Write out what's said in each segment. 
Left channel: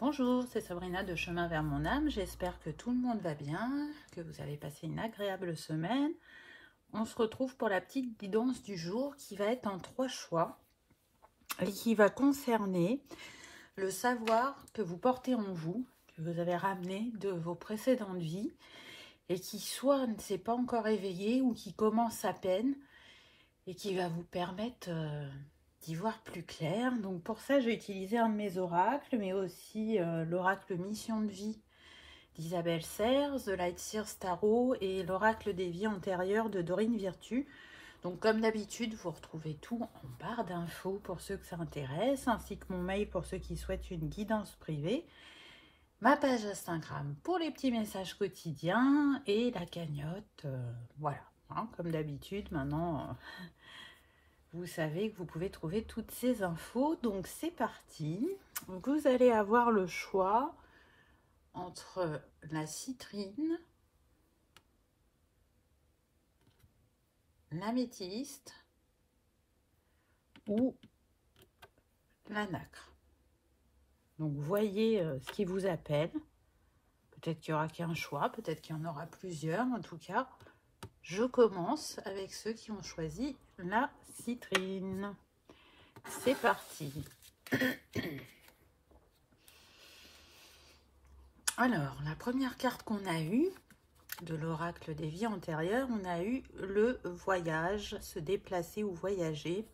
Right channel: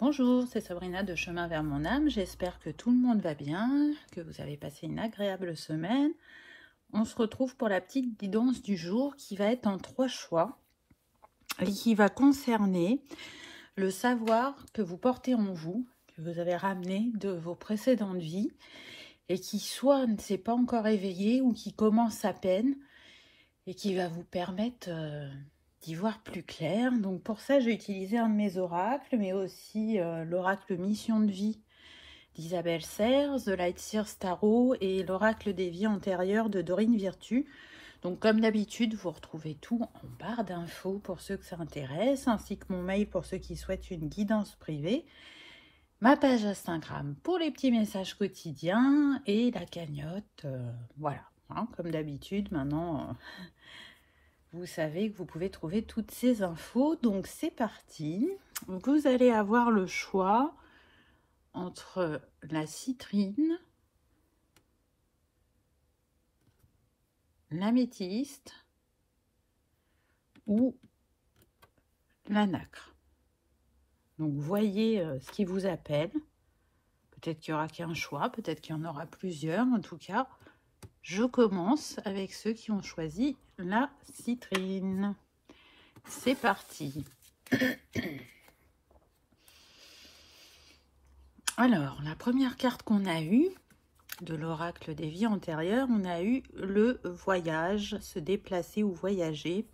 Bonjour, c'est Sabrina de Chemin vers mon âme. J'espère que tout le monde va bien, que vous avez passé une agréable semaine. On se retrouve pour la petite guidance du jour qui va être en 3 choix et qui va concerner le savoir que vous portez en vous, que vous avez ramené de vos précédentes vies et qui soit ne s'est pas encore éveillé ou qui commence à peine et qui va vous permettre d'y voir plus clair. Donc pour ça, j'ai utilisé un de mes oracles, mais aussi l'oracle Mission de vie d'Isabelle Serres, The Light Seers Tarot et l'oracle des vies antérieures de Dorine Virtue. Donc comme d'habitude, vous retrouvez tout en barre d'infos pour ceux que ça intéresse, ainsi que mon mail pour ceux qui souhaitent une guidance privée, ma page Instagram pour les petits messages quotidiens et la cagnotte. Voilà, hein, comme d'habitude, maintenant... vous savez que vous pouvez trouver toutes ces infos. Donc c'est parti. Vous allez avoir le choix entre la citrine, l'améthyste ou la nacre. Donc voyez ce qui vous appelle. Peut-être qu'il n'y aura qu'un choix, peut-être qu'il y en aura plusieurs. En tout cas, je commence avec ceux qui ont choisi la citrine. C'est parti. Alors, la première carte qu'on a eue, de l'oracle des vies antérieures, on a eu le voyage, se déplacer ou voyager.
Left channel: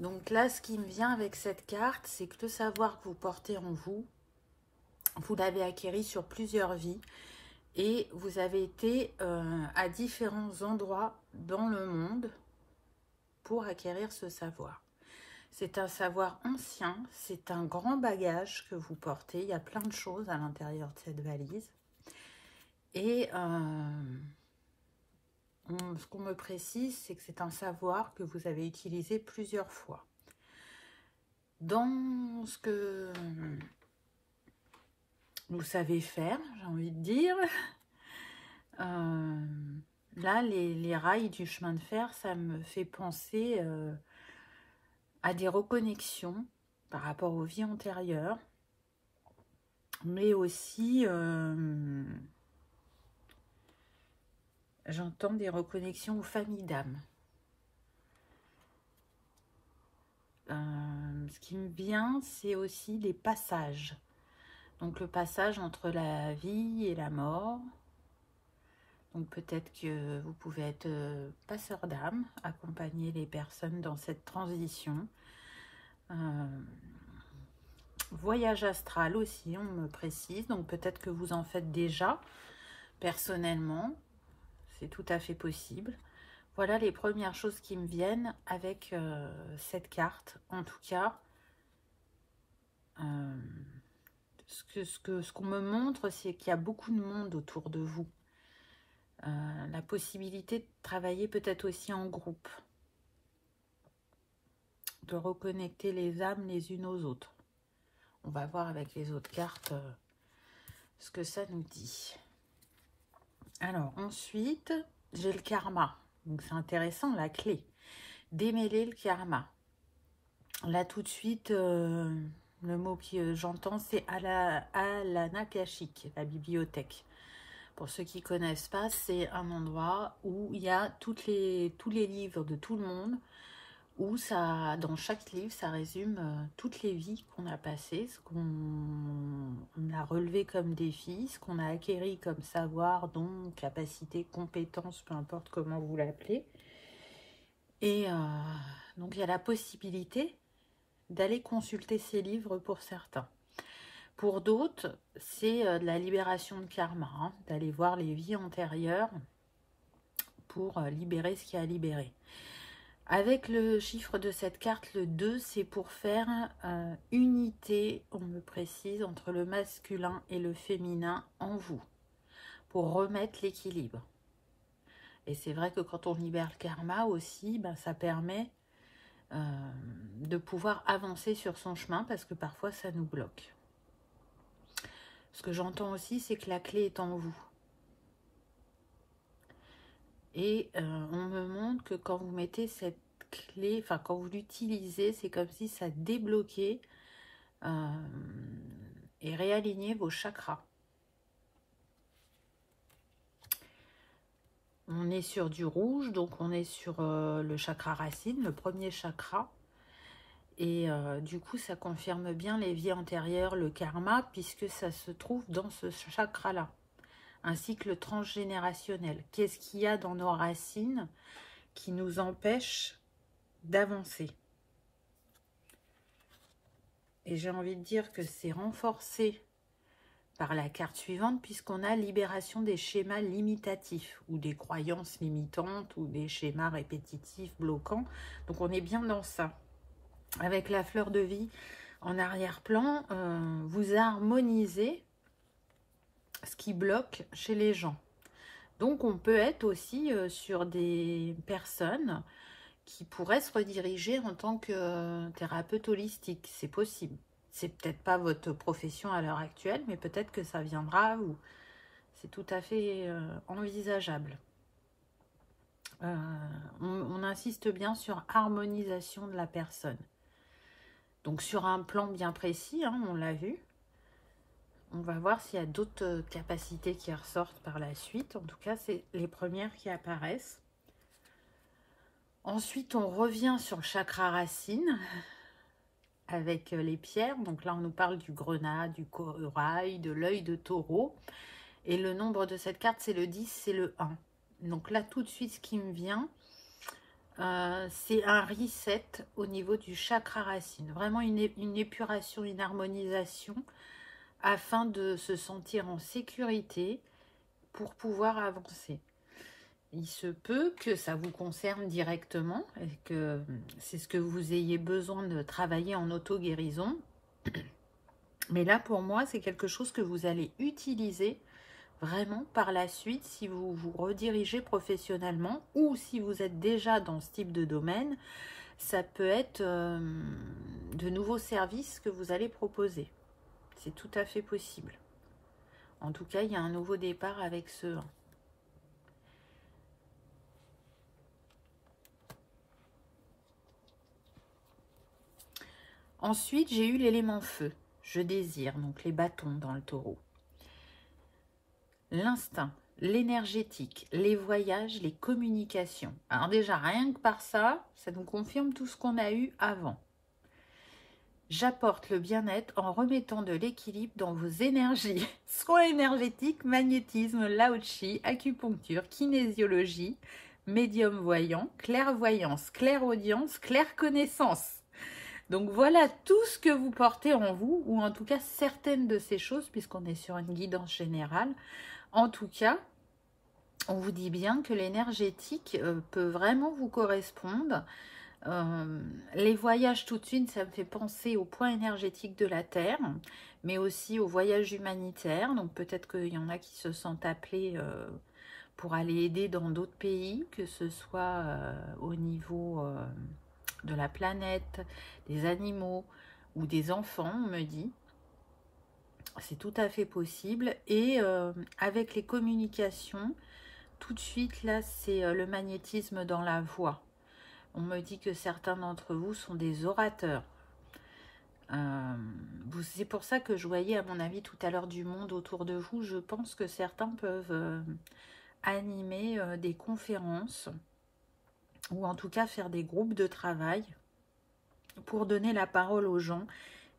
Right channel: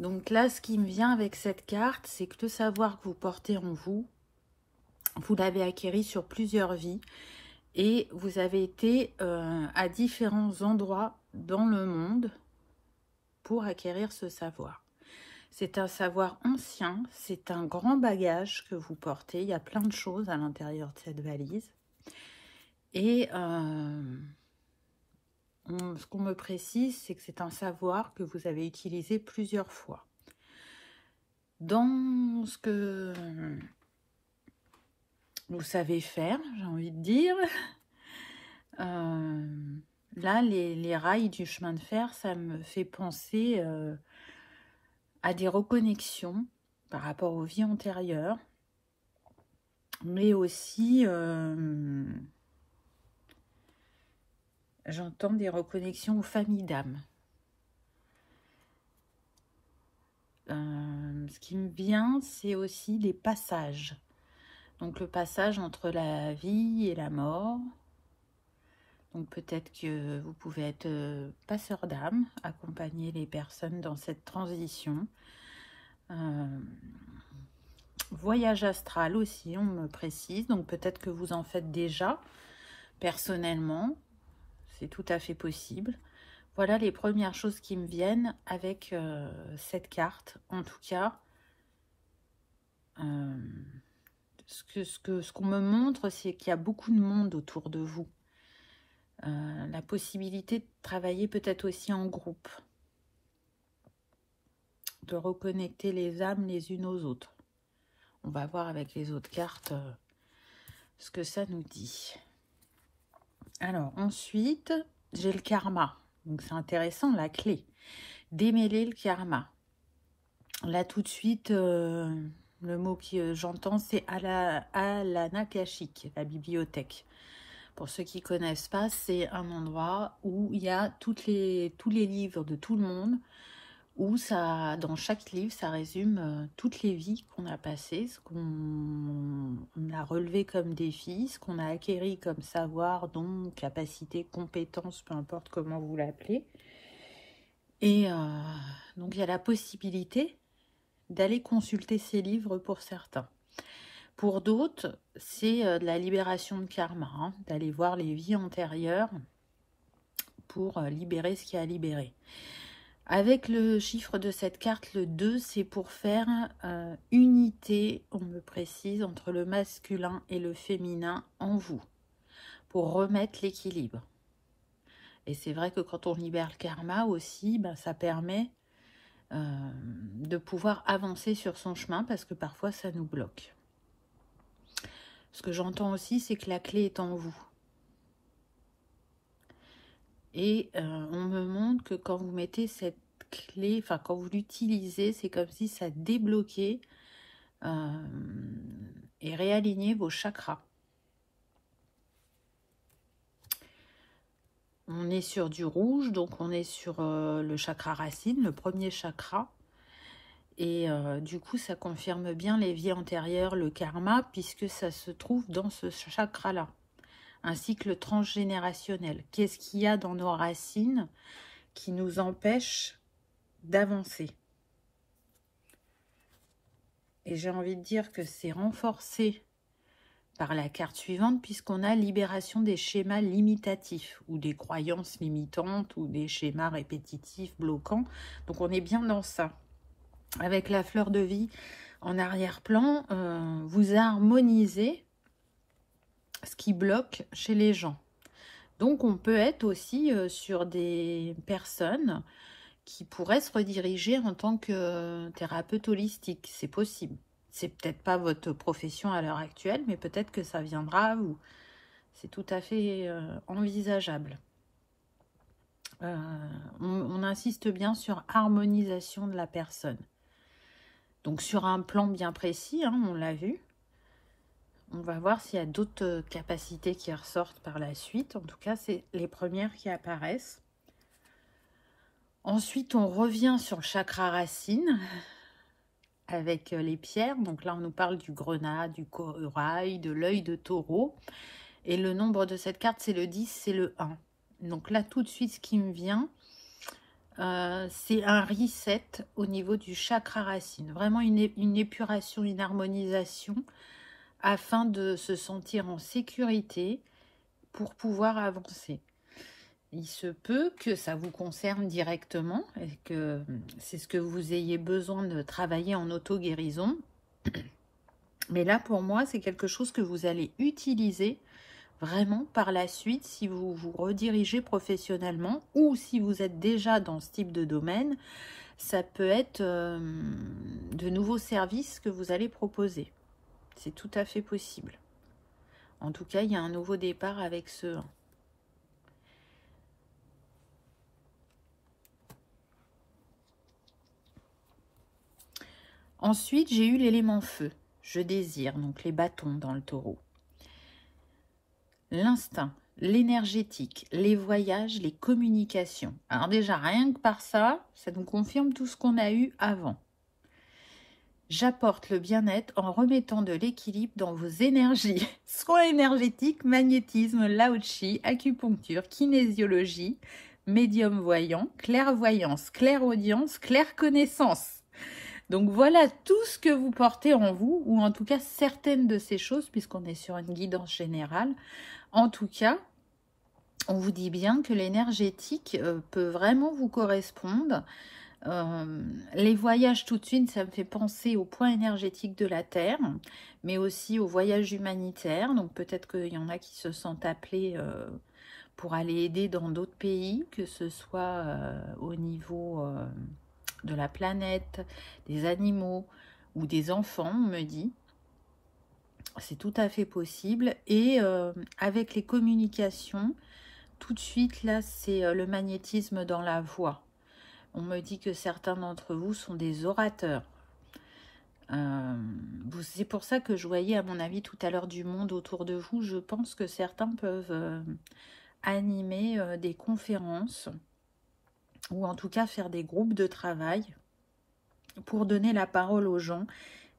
Donc là, ce qui me vient avec cette carte, c'est que le savoir que vous portez en vous, vous l'avez acquis sur plusieurs vies et vous avez été à différents endroits dans le monde pour acquérir ce savoir. C'est un savoir ancien, c'est un grand bagage que vous portez. Il y a plein de choses à l'intérieur de cette valise. Et ce qu'on me précise, c'est que c'est un savoir que vous avez utilisé plusieurs fois. Dans ce que vous savez faire, j'ai envie de dire, là, les rails du chemin de fer, ça me fait penser à des reconnexions par rapport aux vies antérieures, mais aussi... j'entends des reconnexions aux familles d'âmes. Ce qui me vient, c'est aussi les passages. Donc le passage entre la vie et la mort. Donc peut-être que vous pouvez être passeur d'âme, accompagner les personnes dans cette transition. Voyage astral aussi, on me précise. Donc peut-être que vous en faites déjà personnellement. C'est tout à fait possible. Voilà les premières choses qui me viennent avec cette carte. En tout cas, ce qu'on me montre, c'est qu'il y a beaucoup de monde autour de vous. La possibilité de travailler peut-être aussi en groupe. De reconnecter les âmes les unes aux autres. On va voir avec les autres cartes ce que ça nous dit. Alors ensuite, j'ai le karma. Donc c'est intéressant, la clé. Démêler le karma. Là tout de suite, le mot que j'entends, c'est Alanakashik, la bibliothèque. Pour ceux qui ne connaissent pas, c'est un endroit où il y a tous les livres de tout le monde, où ça, dans chaque livre, ça résume toutes les vies qu'on a passées, ce qu'on a relevé comme défi, ce qu'on a acquéri comme savoir, don, capacité, compétence, peu importe comment vous l'appelez. Et donc il y a la possibilité d'aller consulter ces livres pour certains. Pour d'autres, c'est de la libération de karma, hein, d'aller voir les vies antérieures pour libérer ce qu'il y a à libérer. Avec le chiffre de cette carte, le 2, c'est pour faire unité, on me précise, entre le masculin et le féminin en vous, pour remettre l'équilibre. Et c'est vrai que quand on libère le karma aussi, ben, ça permet de pouvoir avancer sur son chemin, parce que parfois ça nous bloque. Ce que j'entends aussi, c'est que la clé est en vous. Et on me montre que quand vous mettez cette clé, enfin quand vous l'utilisez, c'est comme si ça débloquait et réaligner vos chakras. On est sur du rouge, donc on est sur le chakra racine, le premier chakra. Et du coup, ça confirme bien les vies antérieures, le karma, puisque ça se trouve dans ce chakra-là. Un cycle transgénérationnel. Qu'est-ce qu'il y a dans nos racines qui nous empêche d'avancer? Et j'ai envie de dire que c'est renforcé par la carte suivante, puisqu'on a libération des schémas limitatifs, ou des croyances limitantes, ou des schémas répétitifs, bloquants. Donc on est bien dans ça. Avec la fleur de vie en arrière-plan, vous harmonisez ce qui bloque chez les gens. Donc on peut être aussi sur des personnes qui pourraient se rediriger en tant que thérapeute holistique. C'est possible. C'est peut-être pas votre profession à l'heure actuelle, mais peut-être que ça viendra, ou c'est tout à fait envisageable. On insiste bien sur harmonisation de la personne. Donc sur un plan bien précis, hein, on l'a vu. On va voir s'il y a d'autres capacités qui ressortent par la suite. En tout cas, c'est les premières qui apparaissent. Ensuite, on revient sur le chakra racine avec les pierres. Donc là, on nous parle du grenat, du corail, de l'œil de taureau. Et le nombre de cette carte, c'est le 10, c'est le 1. Donc là, tout de suite, ce qui me vient, c'est un reset au niveau du chakra racine. Vraiment une épuration, une harmonisation afin de se sentir en sécurité pour pouvoir avancer. Il se peut que ça vous concerne directement et que c'est ce que vous ayez besoin de travailler en auto-guérison. Mais là, pour moi, c'est quelque chose que vous allez utiliser vraiment par la suite si vous vous redirigez professionnellement ou si vous êtes déjà dans ce type de domaine. Ça peut être de nouveaux services que vous allez proposer. C'est tout à fait possible. En tout cas, il y a un nouveau départ avec ce 1. Ensuite, j'ai eu l'élément feu. Je désire, donc les bâtons dans le taureau. L'instinct, l'énergétique, les voyages, les communications. Alors déjà, rien que par ça, ça nous confirme tout ce qu'on a eu avant. J'apporte le bien-être en remettant de l'équilibre dans vos énergies. Soins énergétiques, magnétisme, lao-chi, acupuncture, kinésiologie, médium voyant, clairvoyance, clairaudience, clairconnaissance. Donc voilà tout ce que vous portez en vous, ou en tout cas certaines de ces choses, puisqu'on est sur une guidance générale. En tout cas, on vous dit bien que l'énergétique peut vraiment vous correspondre. Les voyages tout de suite, ça me fait penser au point énergétique de la Terre, mais aussi aux voyages humanitaires. Donc peut-être qu'il y en a qui se sentent appelés pour aller aider dans d'autres pays, que ce soit au niveau de la planète, des animaux ou des enfants, on me dit. C'est tout à fait possible. Et avec les communications, tout de suite, là, c'est le magnétisme dans la voix. On me dit que certains d'entre vous sont des orateurs. C'est pour ça que je voyais, à mon avis, tout à l'heure du monde autour de vous. Je pense que certains peuvent animer des conférences ou en tout cas faire des groupes de travail pour donner la parole aux gens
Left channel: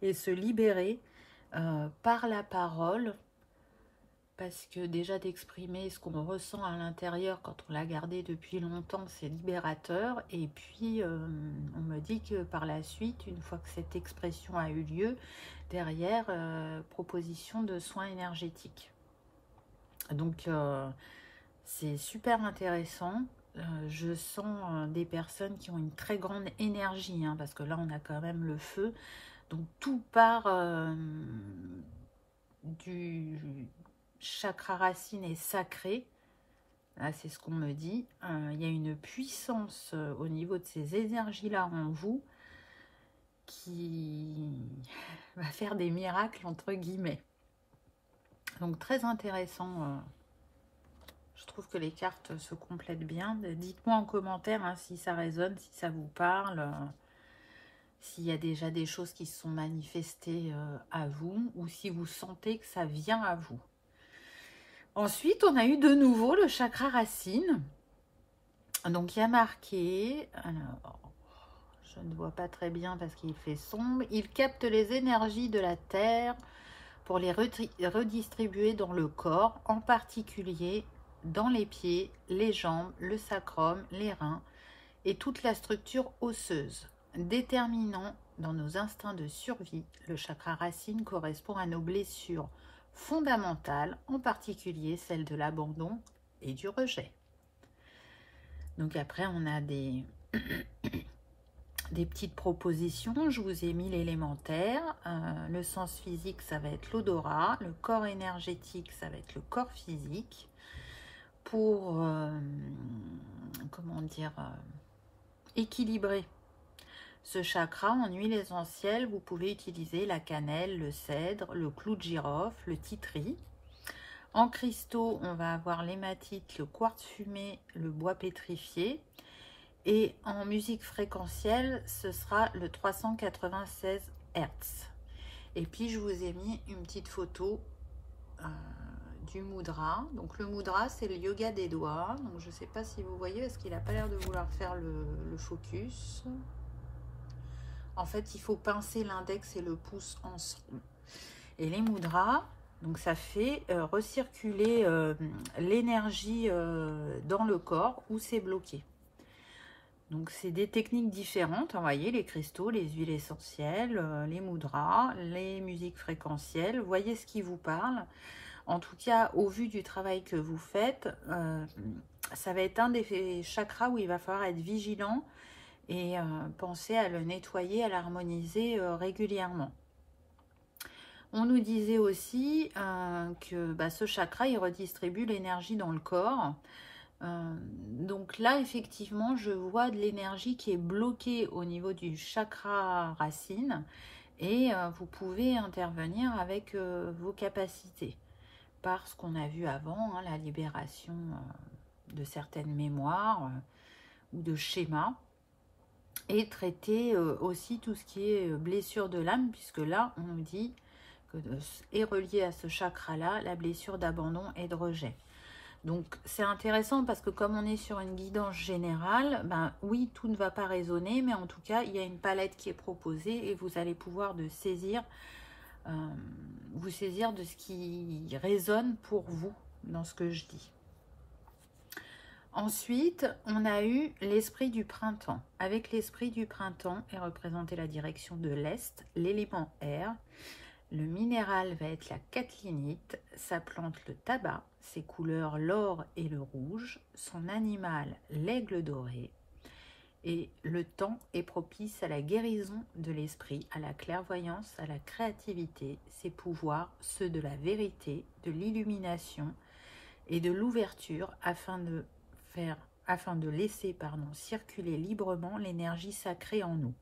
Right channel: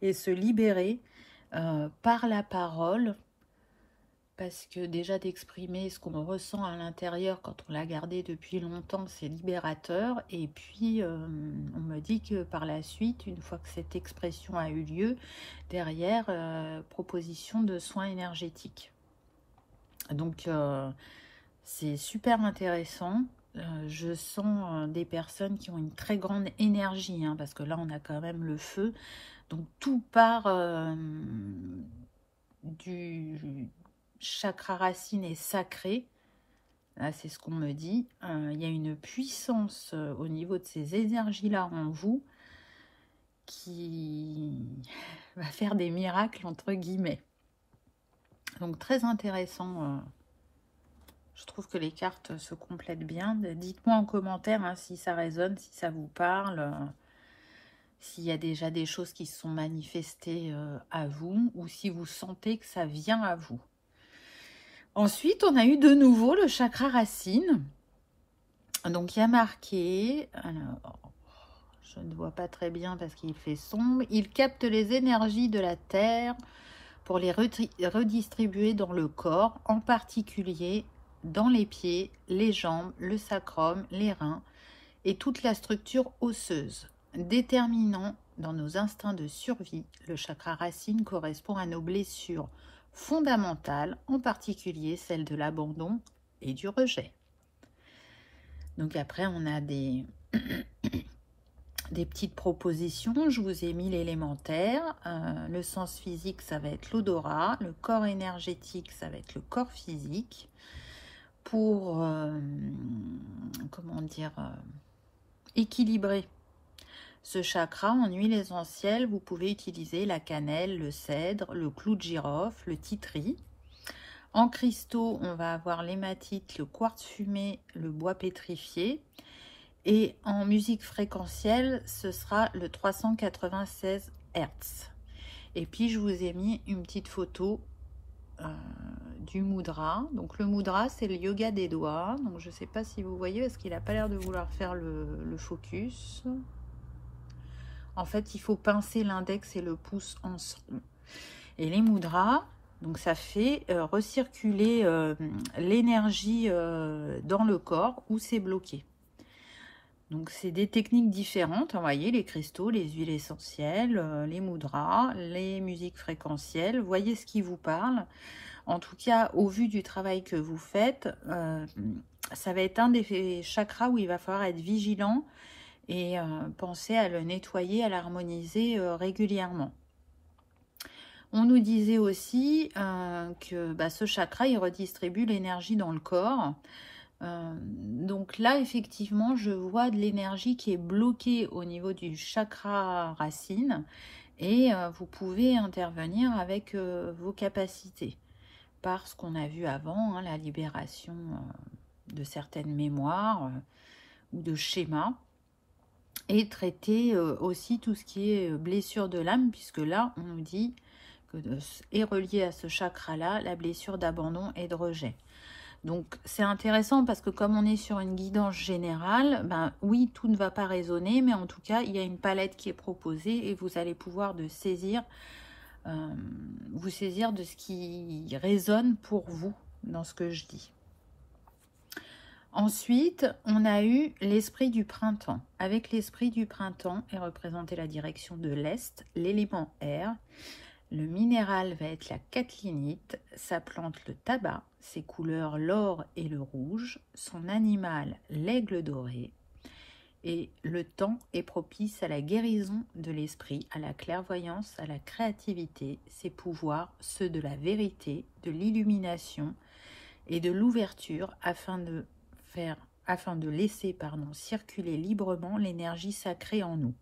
et se libérer par la parole. Parce que déjà d'exprimer ce qu'on ressent à l'intérieur quand on l'a gardé depuis longtemps, c'est libérateur. Et puis, on me dit que par la suite, une fois que cette expression a eu lieu, derrière, proposition de soins énergétiques. Donc, c'est super intéressant. Je sens des personnes qui ont une très grande énergie, hein, parce que là, on a quand même le feu. Donc, tout part du chakra racine est sacré. Là, c'est ce qu'on me dit. Il y a une puissance au niveau de ces énergies-là en vous qui va faire des miracles, entre guillemets. Donc, très intéressant. Je trouve que les cartes se complètent bien. Dites-moi en commentaire hein, si ça résonne, si ça vous parle, s'il y a déjà des choses qui se sont manifestées à vous, ou si vous sentez que ça vient à vous. Ensuite, on a eu de nouveau le chakra racine. Donc, il y a marqué, alors, je ne vois pas très bien parce qu'il fait sombre, il capte les énergies de la Terre pour les redistribuer dans le corps, en particulier dans les pieds, les jambes, le sacrum, les reins et toute la structure osseuse. Déterminant dans nos instincts de survie, le chakra racine correspond à nos blessures fondamentales, en particulier celles de l'abandon et du rejet. Donc après, on a des petites propositions. Je vous ai mis l'élémentaire. Le sens physique, ça va être l'odorat. Le corps énergétique, ça va être le corps physique. Pour, comment dire, équilibrer ce chakra en huile essentielle, vous pouvez utiliser la cannelle, le cèdre, le clou de girofle, le titri. En cristaux, on va avoir l'hématite, le quartz fumé, le bois pétrifié. Et en musique fréquentielle, ce sera le 396 Hz. Et puis, je vous ai mis une petite photo du mudra. Donc, le mudra, c'est le yoga des doigts. Donc, je ne sais pas si vous voyez, parce qu'il n'a pas l'air de vouloir faire le focus. En fait, il faut pincer l'index et le pouce ensemble. Et les mudras, donc ça fait recirculer l'énergie dans le corps où c'est bloqué. Donc, c'est des techniques différentes, vous voyez, les cristaux, les huiles essentielles, les mudras, les musiques fréquentielles. Voyez ce qui vous parle. En tout cas, au vu du travail que vous faites, ça va être un des chakras où il va falloir être vigilant et penser à le nettoyer, à l'harmoniser régulièrement. On nous disait aussi que ce chakra, il redistribue l'énergie dans le corps. Donc là, effectivement, je vois de l'énergie qui est bloquée au niveau du chakra racine et vous pouvez intervenir avec vos capacités par ce qu'on a vu avant, hein, la libération de certaines mémoires ou de schémas et traiter aussi tout ce qui est blessure de l'âme, puisque là, on nous dit que est relié à ce chakra-là la blessure d'abandon et de rejet. Donc, c'est intéressant parce que comme on est sur une guidance générale, oui, tout ne va pas résonner, mais en tout cas, il y a une palette qui est proposée et vous allez pouvoir vous saisir de ce qui résonne pour vous dans ce que je dis. Ensuite, on a eu l'esprit du printemps. Avec l'esprit du printemps est représenté la direction de l'Est, l'élément air. Le minéral va être la catlinite, sa plante le tabac, ses couleurs l'or et le rouge, son animal l'aigle doré. Et le temps est propice à la guérison de l'esprit, à la clairvoyance, à la créativité, ses pouvoirs, ceux de la vérité, de l'illumination et de l'ouverture afin de laisser circuler librement l'énergie sacrée en nous.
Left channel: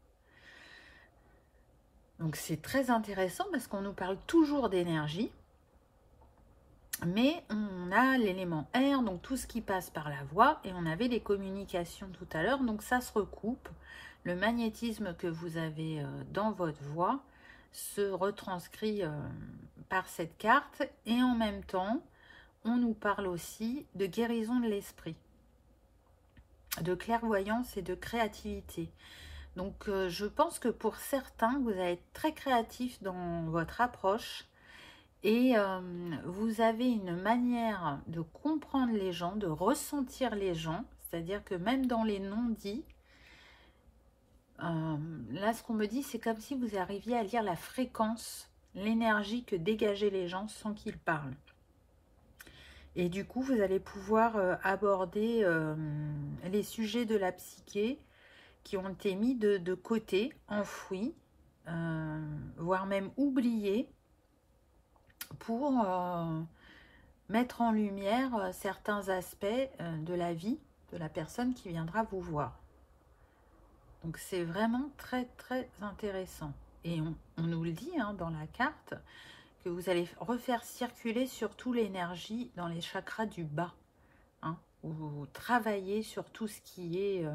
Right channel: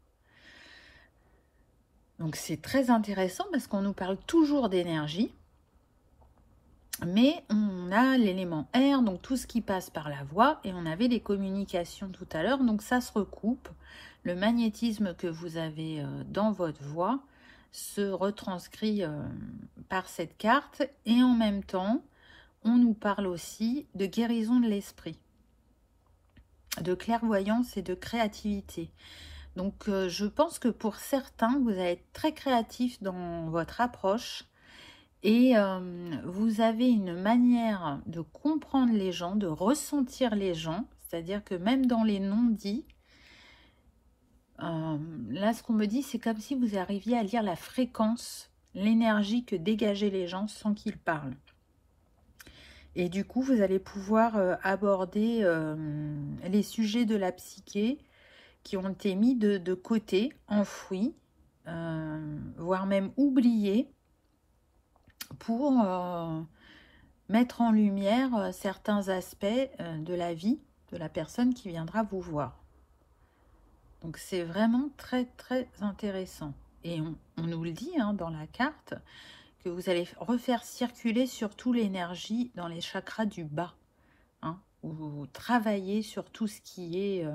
Donc c'est très intéressant parce qu'on nous parle toujours d'énergie, mais on a l'élément air, donc tout ce qui passe par la voix, et on avait les communications tout à l'heure, donc ça se recoupe. Le magnétisme que vous avez dans votre voix se retranscrit par cette carte, et en même temps, on nous parle aussi de guérison de l'esprit, de clairvoyance et de créativité. Donc, je pense que pour certains, vous allez être très créatif dans votre approche et vous avez une manière de comprendre les gens, de ressentir les gens. C'est-à-dire que même dans les non-dits, là, ce qu'on me dit, c'est comme si vous arriviez à lire la fréquence, l'énergie que dégageaient les gens sans qu'ils parlent. Et du coup, vous allez pouvoir aborder les sujets de la psyché qui ont été mis de côté, enfouis, voire même oubliés, pour mettre en lumière certains aspects de la vie de la personne qui viendra vous voir. Donc c'est vraiment très très intéressant. Et on nous le dit dans la carte, que vous allez refaire circuler surtout l'énergie dans les chakras du bas, où vous travaillez sur tout ce qui est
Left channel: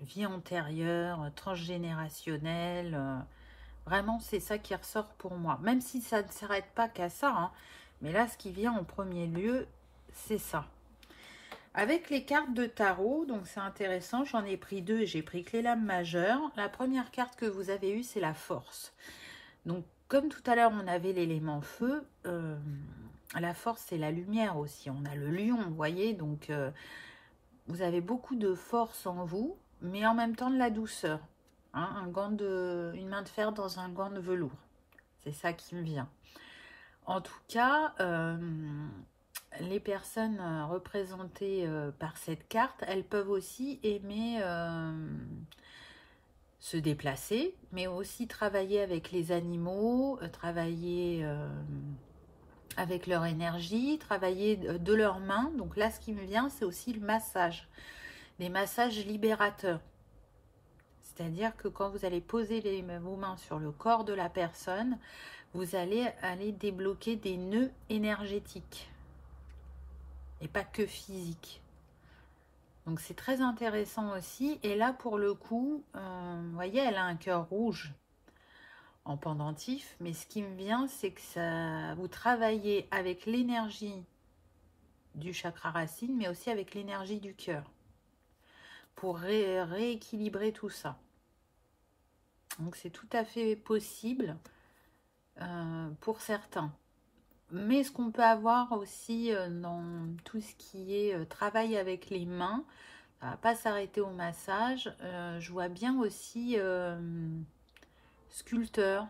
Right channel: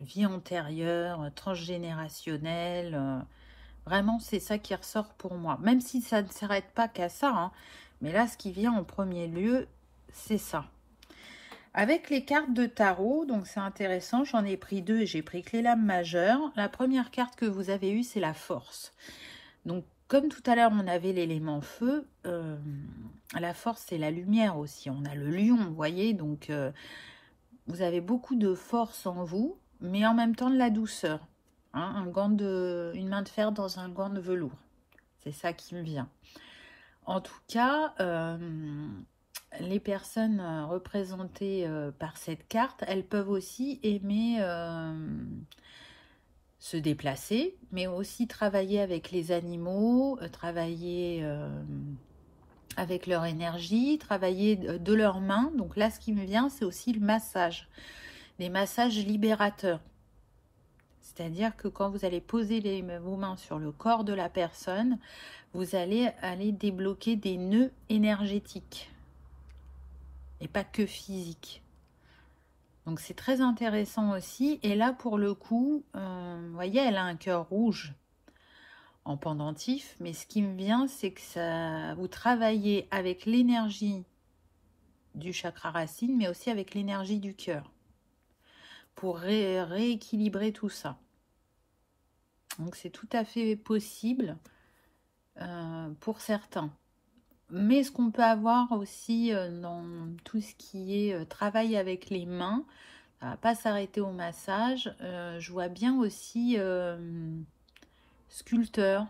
vie antérieure, transgénérationnelle. Vraiment, c'est ça qui ressort pour moi. Même si ça ne s'arrête pas qu'à ça, hein, mais là, ce qui vient en premier lieu, c'est ça. Avec les cartes de tarot, donc c'est intéressant, j'en ai pris deux, j'ai pris que les lames majeures. La première carte que vous avez eue, c'est la force. Donc, comme tout à l'heure, on avait l'élément feu, la force, c'est la lumière aussi. On a le lion, vous voyez, donc vous avez beaucoup de force en vous, mais en même temps de la douceur. Hein, une main de fer dans un gant de velours. C'est ça qui me vient. En tout cas, les personnes représentées par cette carte, elles peuvent aussi aimer se déplacer, mais aussi travailler avec les animaux, travailler avec leur énergie, travailler de leurs mains. Donc là, ce qui me vient, c'est aussi le massage. Des massages libérateurs. C'est-à-dire que quand vous allez poser vos mains sur le corps de la personne, vous allez aller débloquer des nœuds énergétiques. Et pas que physiques. Donc c'est très intéressant aussi. Et là, pour le coup, vous voyez, elle a un cœur rouge en pendentif. Mais ce qui me vient, c'est que vous travaillez avec l'énergie du chakra racine, mais aussi avec l'énergie du cœur. Pour rééquilibrer tout ça. Donc c'est tout à fait possible pour certains. Mais ce qu'on peut avoir aussi dans tout ce qui est travail avec les mains, ça ne va pas s'arrêter au massage. Je vois bien aussi sculpteur.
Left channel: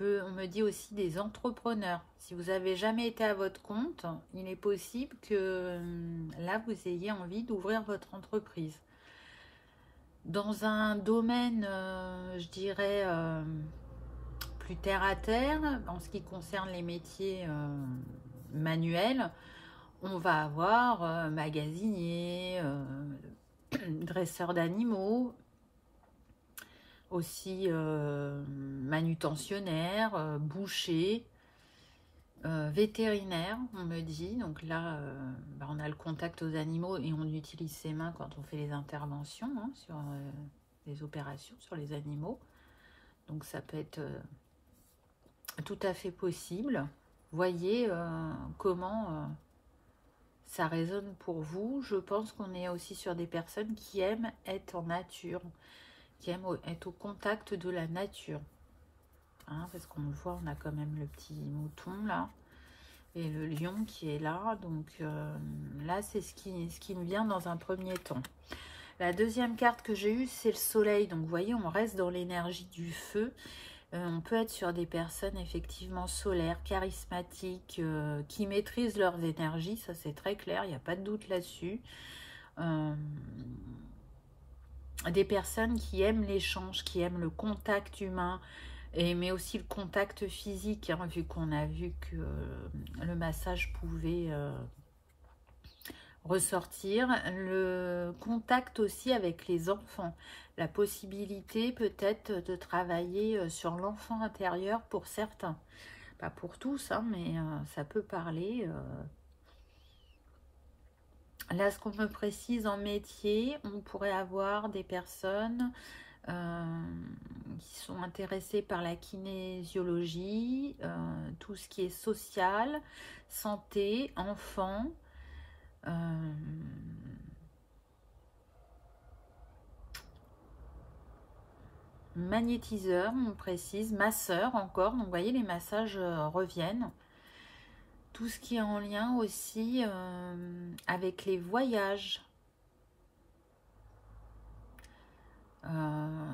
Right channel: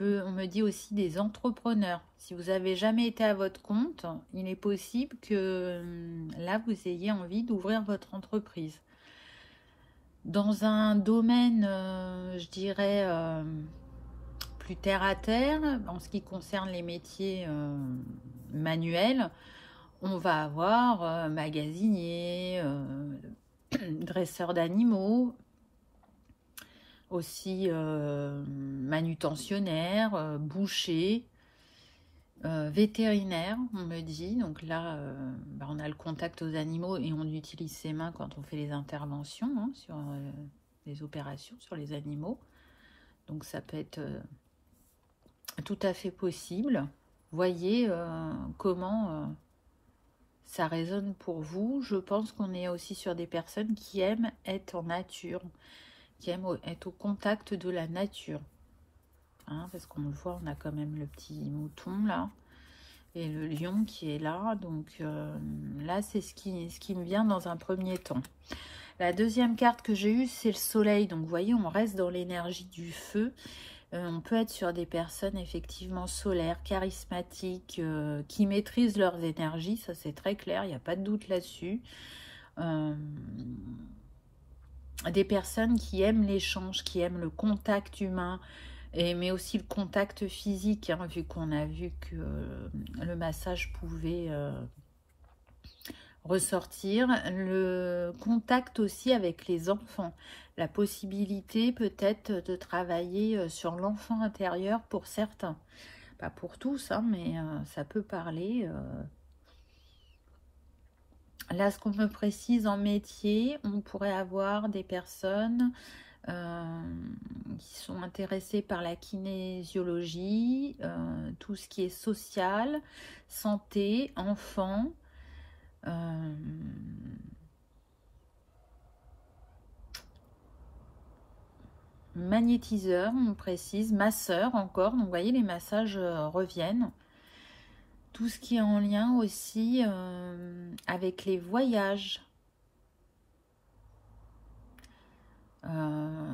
On me dit aussi des entrepreneurs. Si vous n'avez jamais été à votre compte, il est possible que là, vous ayez envie d'ouvrir votre entreprise. Dans un domaine, je dirais, plus terre à terre, en ce qui concerne les métiers manuels, on va avoir magasinier, dresseur d'animaux, aussi manutentionnaire, boucher, vétérinaire, on me dit. Donc là, on a le contact aux animaux et on utilise ses mains quand on fait les interventions hein, sur les opérations sur les animaux. Donc ça peut être tout à fait possible. Voyez comment ça résonne pour vous. Je pense qu'on est aussi sur des personnes qui aiment être en nature, qui aiment être au contact de la nature. Hein, parce qu'on le voit, on a quand même le petit mouton là et le lion qui est là. Donc là, c'est ce qui me vient dans un premier temps. La deuxième carte que j'ai eue, c'est le soleil. Donc vous voyez, on reste dans l'énergie du feu. On peut être sur des personnes effectivement solaires, charismatiques, qui maîtrisent leurs énergies, ça c'est très clair, il n'y a pas de doute là-dessus. Des personnes qui aiment l'échange, qui aiment le contact humain, mais aussi le contact physique, hein, vu qu'on a vu que le massage pouvait ressortir. Le contact aussi avec les enfants. La possibilité peut-être de travailler sur l'enfant intérieur pour certains. Pas pour tous, hein, mais ça peut parler. Là, ce qu'on me précise en métier, on pourrait avoir des personnes qui sont intéressées par la kinésiologie, tout ce qui est social, santé, enfants, magnétiseur, on précise, masseur encore. Donc, vous voyez, les massages reviennent. Tout ce qui est en lien aussi avec les voyages.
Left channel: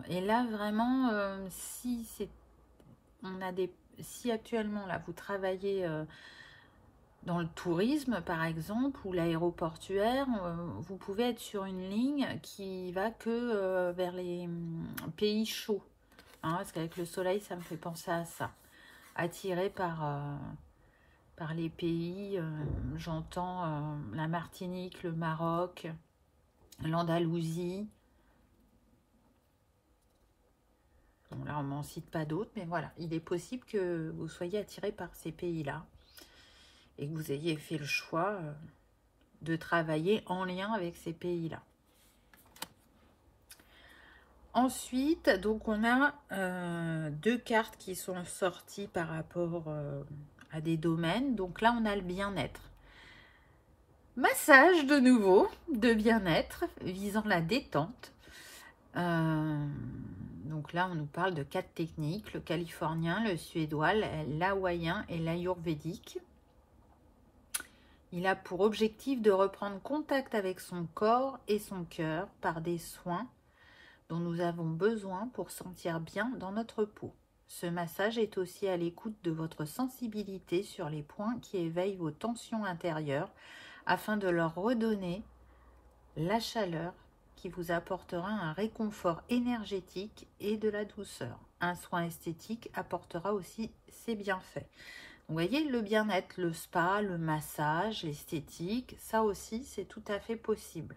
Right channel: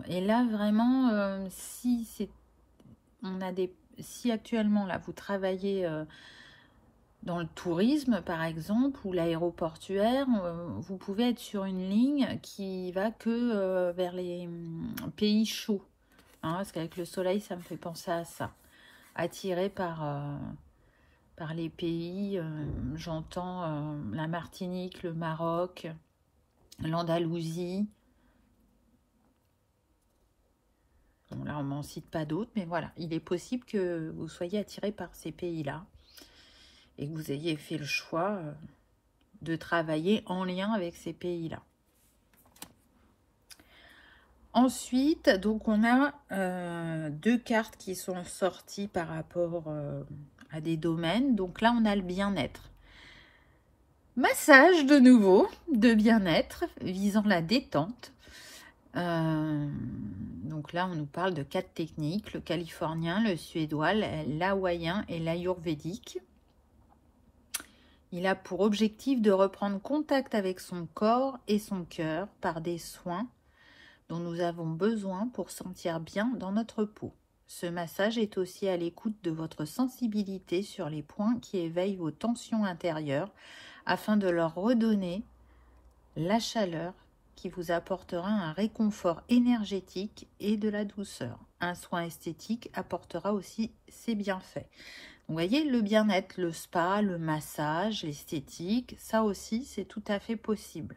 Et là, vraiment, si actuellement, là, vous travaillez dans le tourisme, par exemple, ou l'aéroportuaire, vous pouvez être sur une ligne qui va que vers les pays chauds. Hein, parce qu'avec le soleil, ça me fait penser à ça. Attiré par les pays, j'entends la Martinique, le Maroc, l'Andalousie. Bon, là, on m'en cite pas d'autres, mais voilà, il est possible que vous soyez attiré par ces pays-là et que vous ayez fait le choix de travailler en lien avec ces pays-là. Ensuite, donc on a 2 cartes qui sont sorties par rapport à des domaines. Donc là, on a le bien-être. Massage de nouveau, de bien-être, visant la détente. Donc là, on nous parle de 4 techniques, le californien, le suédois, l'hawaïen et l'ayurvédique. Il a pour objectif de reprendre contact avec son corps et son cœur par des soins dont nous avons besoin pour sentir bien dans notre peau. Ce massage est aussi à l'écoute de votre sensibilité sur les points qui éveillent vos tensions intérieures afin de leur redonner la chaleur qui vous apportera un réconfort énergétique et de la douceur. Un soin esthétique apportera aussi ses bienfaits. Vous voyez, le bien-être, le spa, le massage, l'esthétique, ça aussi, c'est tout à fait possible.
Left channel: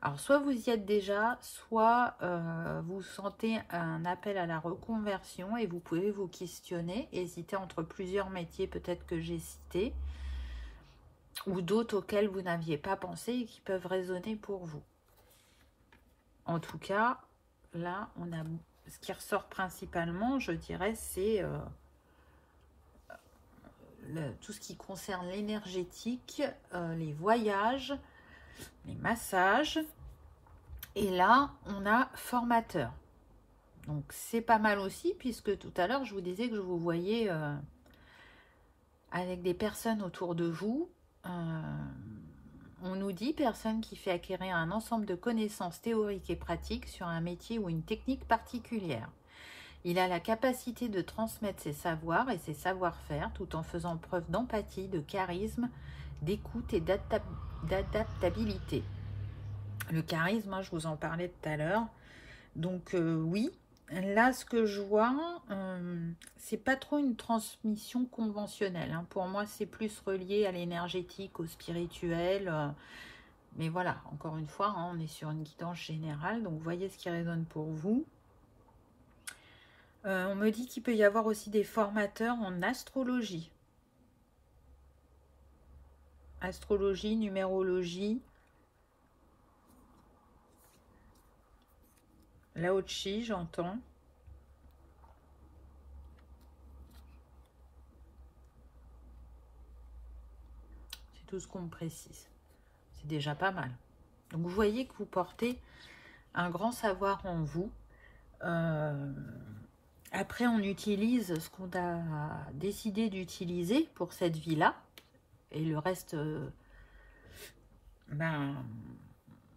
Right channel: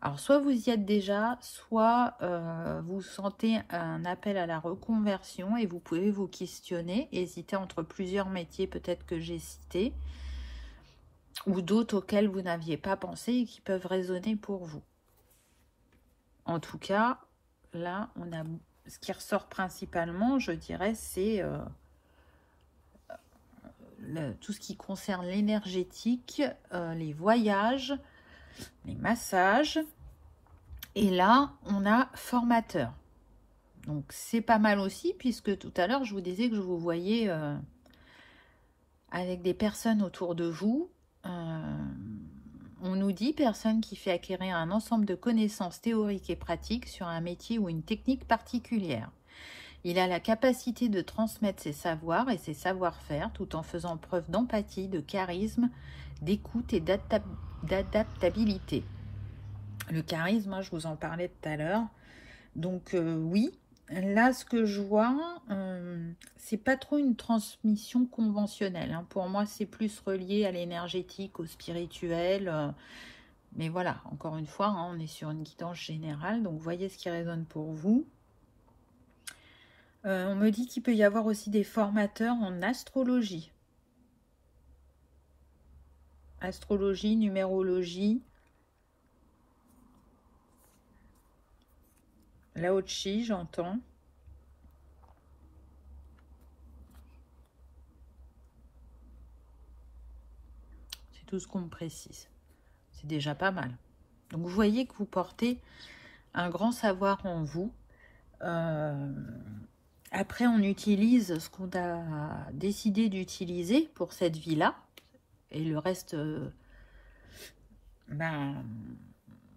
Alors, soit vous y êtes déjà, soit vous sentez un appel à la reconversion et vous pouvez vous questionner, hésiter entre plusieurs métiers peut-être que j'ai cités, ou d'autres auxquels vous n'aviez pas pensé et qui peuvent résonner pour vous. En tout cas, là, on a ce qui ressort principalement, je dirais, c'est tout ce qui concerne l'énergétique, les voyages, les massages. Et là, on a formateur. Donc, c'est pas mal aussi, puisque tout à l'heure, je vous disais que je vous voyais avec des personnes autour de vous. On nous dit personne qui fait acquérir un ensemble de connaissances théoriques et pratiques sur un métier ou une technique particulière. Il a la capacité de transmettre ses savoirs et ses savoir-faire tout en faisant preuve d'empathie, de charisme, d'écoute et d'adaptabilité. Le charisme, je vous en parlais tout à l'heure. Donc oui, là ce que je vois, c'est pas trop une transmission conventionnelle. Hein. Pour moi, c'est plus relié à l'énergétique, au spirituel. Mais voilà, encore une fois, hein, on est sur une guidance générale. Donc voyez ce qui résonne pour vous. On me dit qu'il peut y avoir aussi des formateurs en astrologie. Astrologie, numérologie. Lao Tzu, j'entends. C'est tout ce qu'on me précise. C'est déjà pas mal. Donc vous voyez que vous portez un grand savoir en vous. Après, on utilise ce qu'on a décidé d'utiliser pour cette vie-là. Et le reste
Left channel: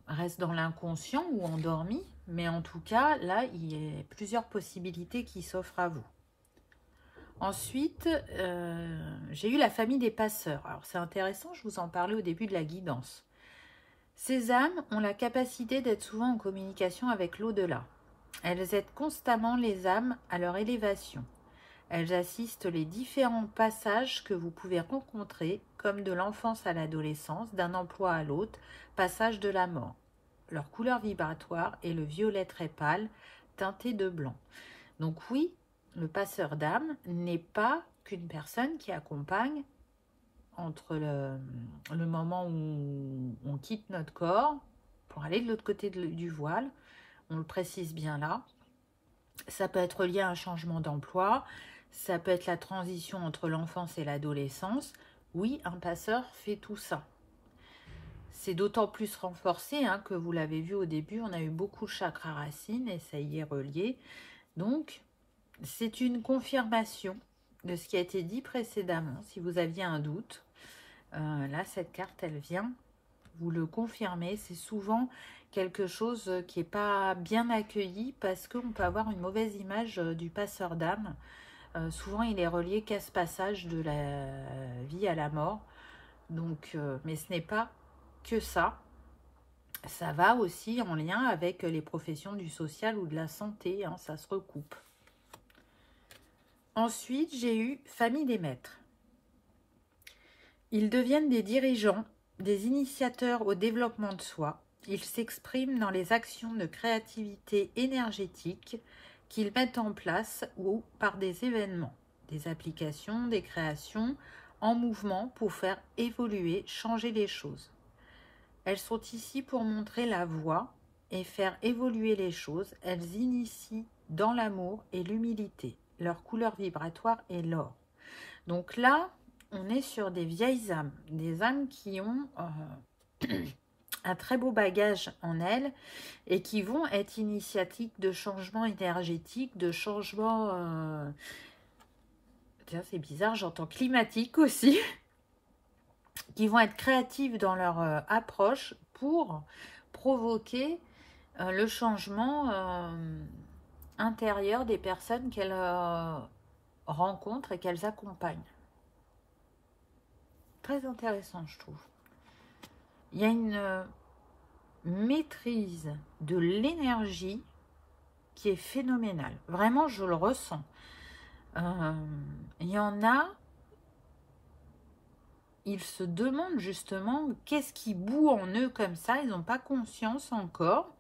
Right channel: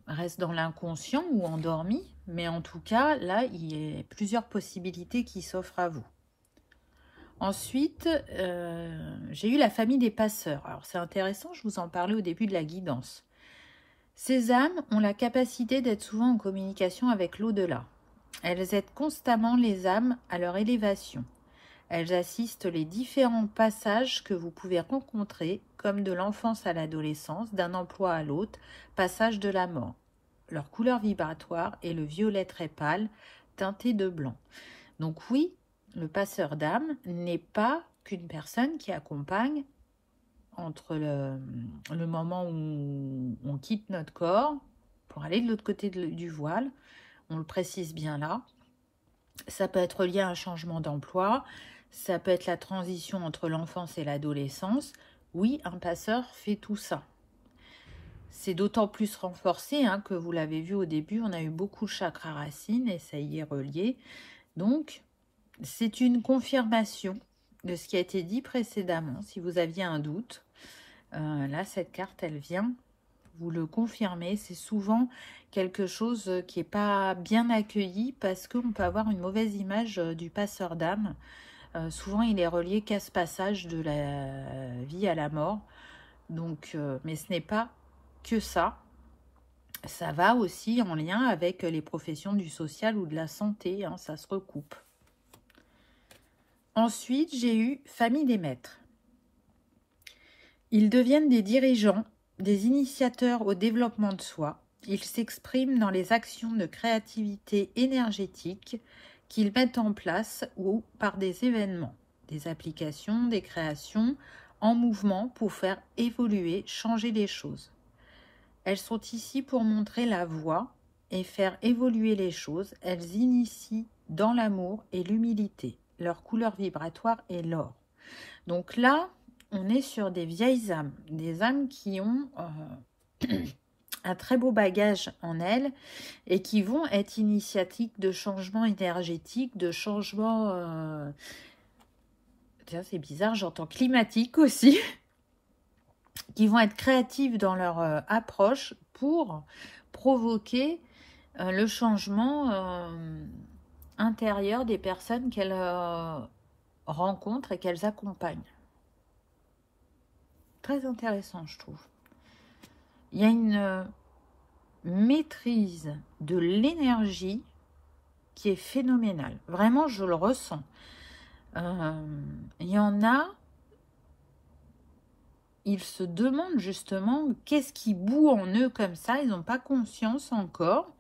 reste dans l'inconscient ou endormi. Mais en tout cas, là, il y a plusieurs possibilités qui s'offrent à vous. Ensuite, j'ai eu la famille des passeurs. Alors, c'est intéressant, je vous en parlais au début de la guidance. Ces âmes ont la capacité d'être souvent en communication avec l'au-delà. Elles aident constamment les âmes à leur élévation. Elles assistent les différents passages que vous pouvez rencontrer, comme de l'enfance à l'adolescence, d'un emploi à l'autre, passage de la mort. Leur couleur vibratoire est le violet très pâle, teinté de blanc. Donc oui, le passeur d'âme n'est pas qu'une personne qui accompagne entre le moment où on quitte notre corps pour aller de l'autre côté du voile. On le précise bien là. Ça peut être lié à un changement d'emploi. Ça peut être la transition entre l'enfance et l'adolescence. Oui, un passeur fait tout ça. C'est d'autant plus renforcé que vous l'avez vu au début, on a eu beaucoup de chakras racines et ça y est relié. Donc, c'est une confirmation de ce qui a été dit précédemment. Si vous aviez un doute, là, cette carte, elle vient vous le confirmer. C'est souvent quelque chose qui n'est pas bien accueilli parce qu'on peut avoir une mauvaise image du passeur d'âme. Souvent, il est relié qu'à ce passage de la vie à la mort. Donc, mais ce n'est pas que ça. Ça va aussi en lien avec les professions du social ou de la santé. Ça se recoupe. Ensuite, j'ai eu famille des maîtres. Ils deviennent des dirigeants, des initiateurs au développement de soi. Ils s'expriment dans les actions de créativité énergétique qu'ils mettent en place ou par des événements, des applications, des créations en mouvement pour faire évoluer, changer les choses. elles sont ici pour montrer la voie et faire évoluer les choses. Elles initient dans l'amour et l'humilité. Leur couleur vibratoire est l'or. Donc là, on est sur des vieilles âmes, des âmes qui ont un très beau bagage en elles et qui vont être initiatiques de changements énergétiques, de changements... Tiens, c'est bizarre, j'entends climatique aussi, qui vont être créatives dans leur approche pour provoquer le changement intérieur des personnes qu'elles rencontrent et qu'elles accompagnent. Très intéressant, je trouve. Il y a une maîtrise de l'énergie qui est phénoménale. Vraiment, je le ressens. Il y en a, ils se demandent justement qu'est-ce qui bout en eux comme ça. Ils n'ont pas conscience encore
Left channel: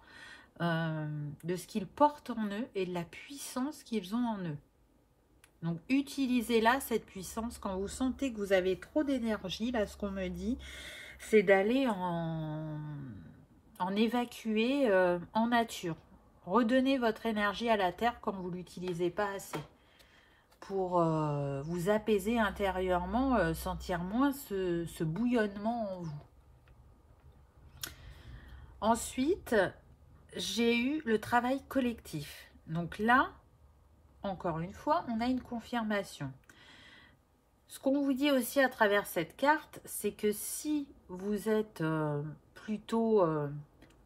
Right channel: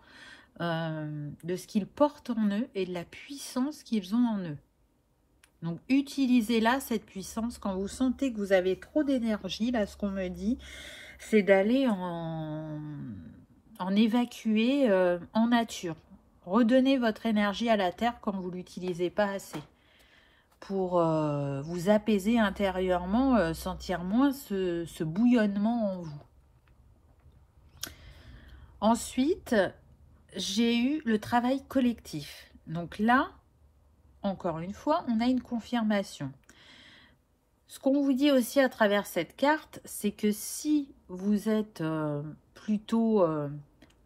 de ce qu'ils portent en eux et de la puissance qu'ils ont en eux. Donc, utilisez-la, cette puissance. Quand vous sentez que vous avez trop d'énergie, là, ce qu'on me dit, c'est d'aller en évacuer en nature. Redonnez votre énergie à la terre quand vous ne l'utilisez pas assez. Pour vous apaiser intérieurement, sentir moins ce bouillonnement en vous. Ensuite, j'ai eu le travail collectif. Donc là, encore une fois, on a une confirmation. Ce qu'on vous dit aussi à travers cette carte, c'est que si vous êtes plutôt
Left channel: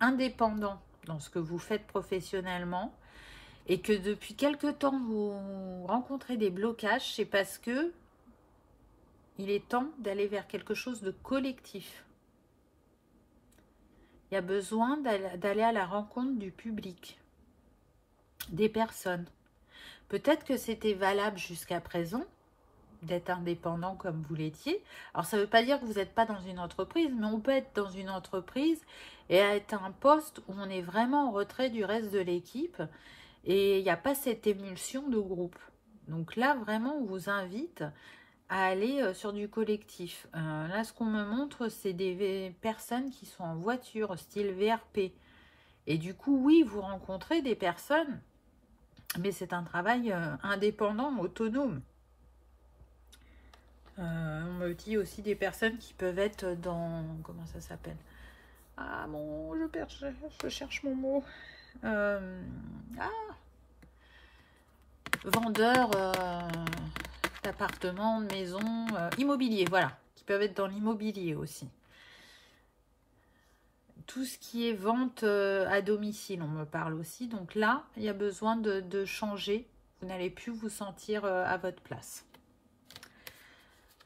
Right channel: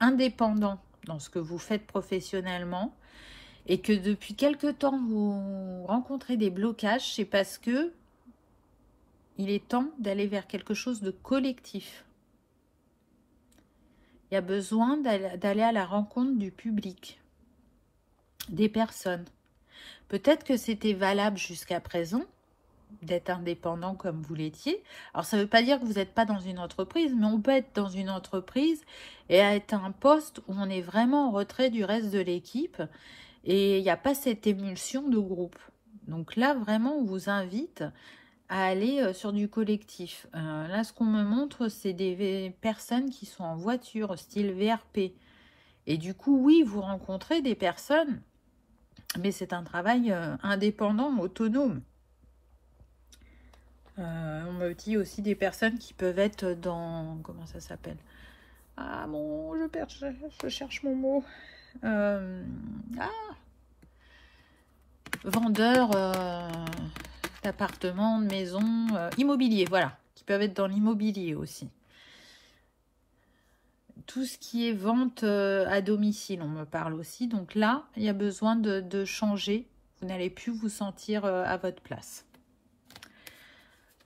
indépendant dans ce que vous faites professionnellement, et que depuis quelque temps vous rencontrez des blocages, c'est parce que il est temps d'aller vers quelque chose de collectif. Il y a besoin d'aller à la rencontre du public, des personnes. Peut-être que c'était valable jusqu'à présent, d'être indépendant comme vous l'étiez. Alors ça ne veut pas dire que vous n'êtes pas dans une entreprise, mais on peut être dans une entreprise et être à un poste où on est vraiment en retrait du reste de l'équipe. Et il n'y a pas cette émulsion de groupe. Donc là, vraiment, on vous invite à aller sur du collectif. Là, ce qu'on me montre, c'est des personnes qui sont en voiture, style VRP. Et du coup, oui, vous rencontrez des personnes, mais c'est un travail indépendant, autonome. On me dit aussi des personnes qui peuvent être dans... Comment ça s'appelle? Ah bon, je cherche mon mot. Vendeurs d'appartements, de maisons, immobilier, voilà, qui peuvent être dans l'immobilier aussi. Tout ce qui est vente à domicile, on me parle aussi. Donc là, il y a besoin de changer. Vous n'allez plus vous sentir à votre place.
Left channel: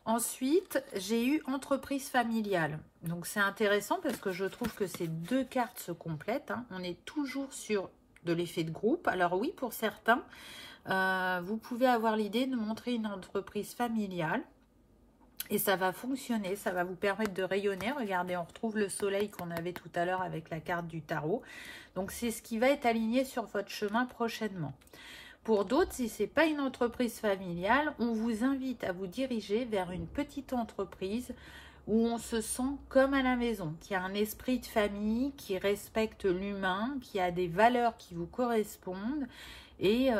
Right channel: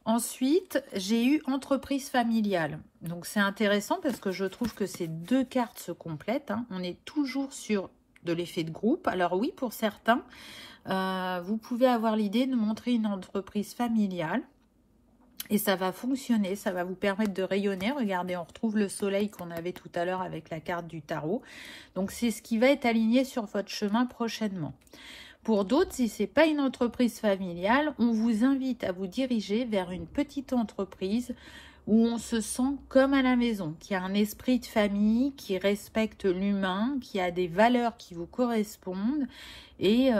Ensuite, j'ai eu entreprise familiale. Donc c'est intéressant parce que je trouve que ces deux cartes se complètent. Hein. On est toujours sur de l'effet de groupe. Alors oui, pour certains, vous pouvez avoir l'idée de montrer une entreprise familiale. Et ça va fonctionner, ça va vous permettre de rayonner. Regardez, on retrouve le soleil qu'on avait tout à l'heure avec la carte du tarot. Donc c'est ce qui va être aligné sur votre chemin prochainement. Pour d'autres, si ce n'est pas une entreprise familiale, on vous invite à vous diriger vers une petite entreprise où on se sent comme à la maison, qui a un esprit de famille, qui respecte l'humain, qui a des valeurs qui vous correspondent et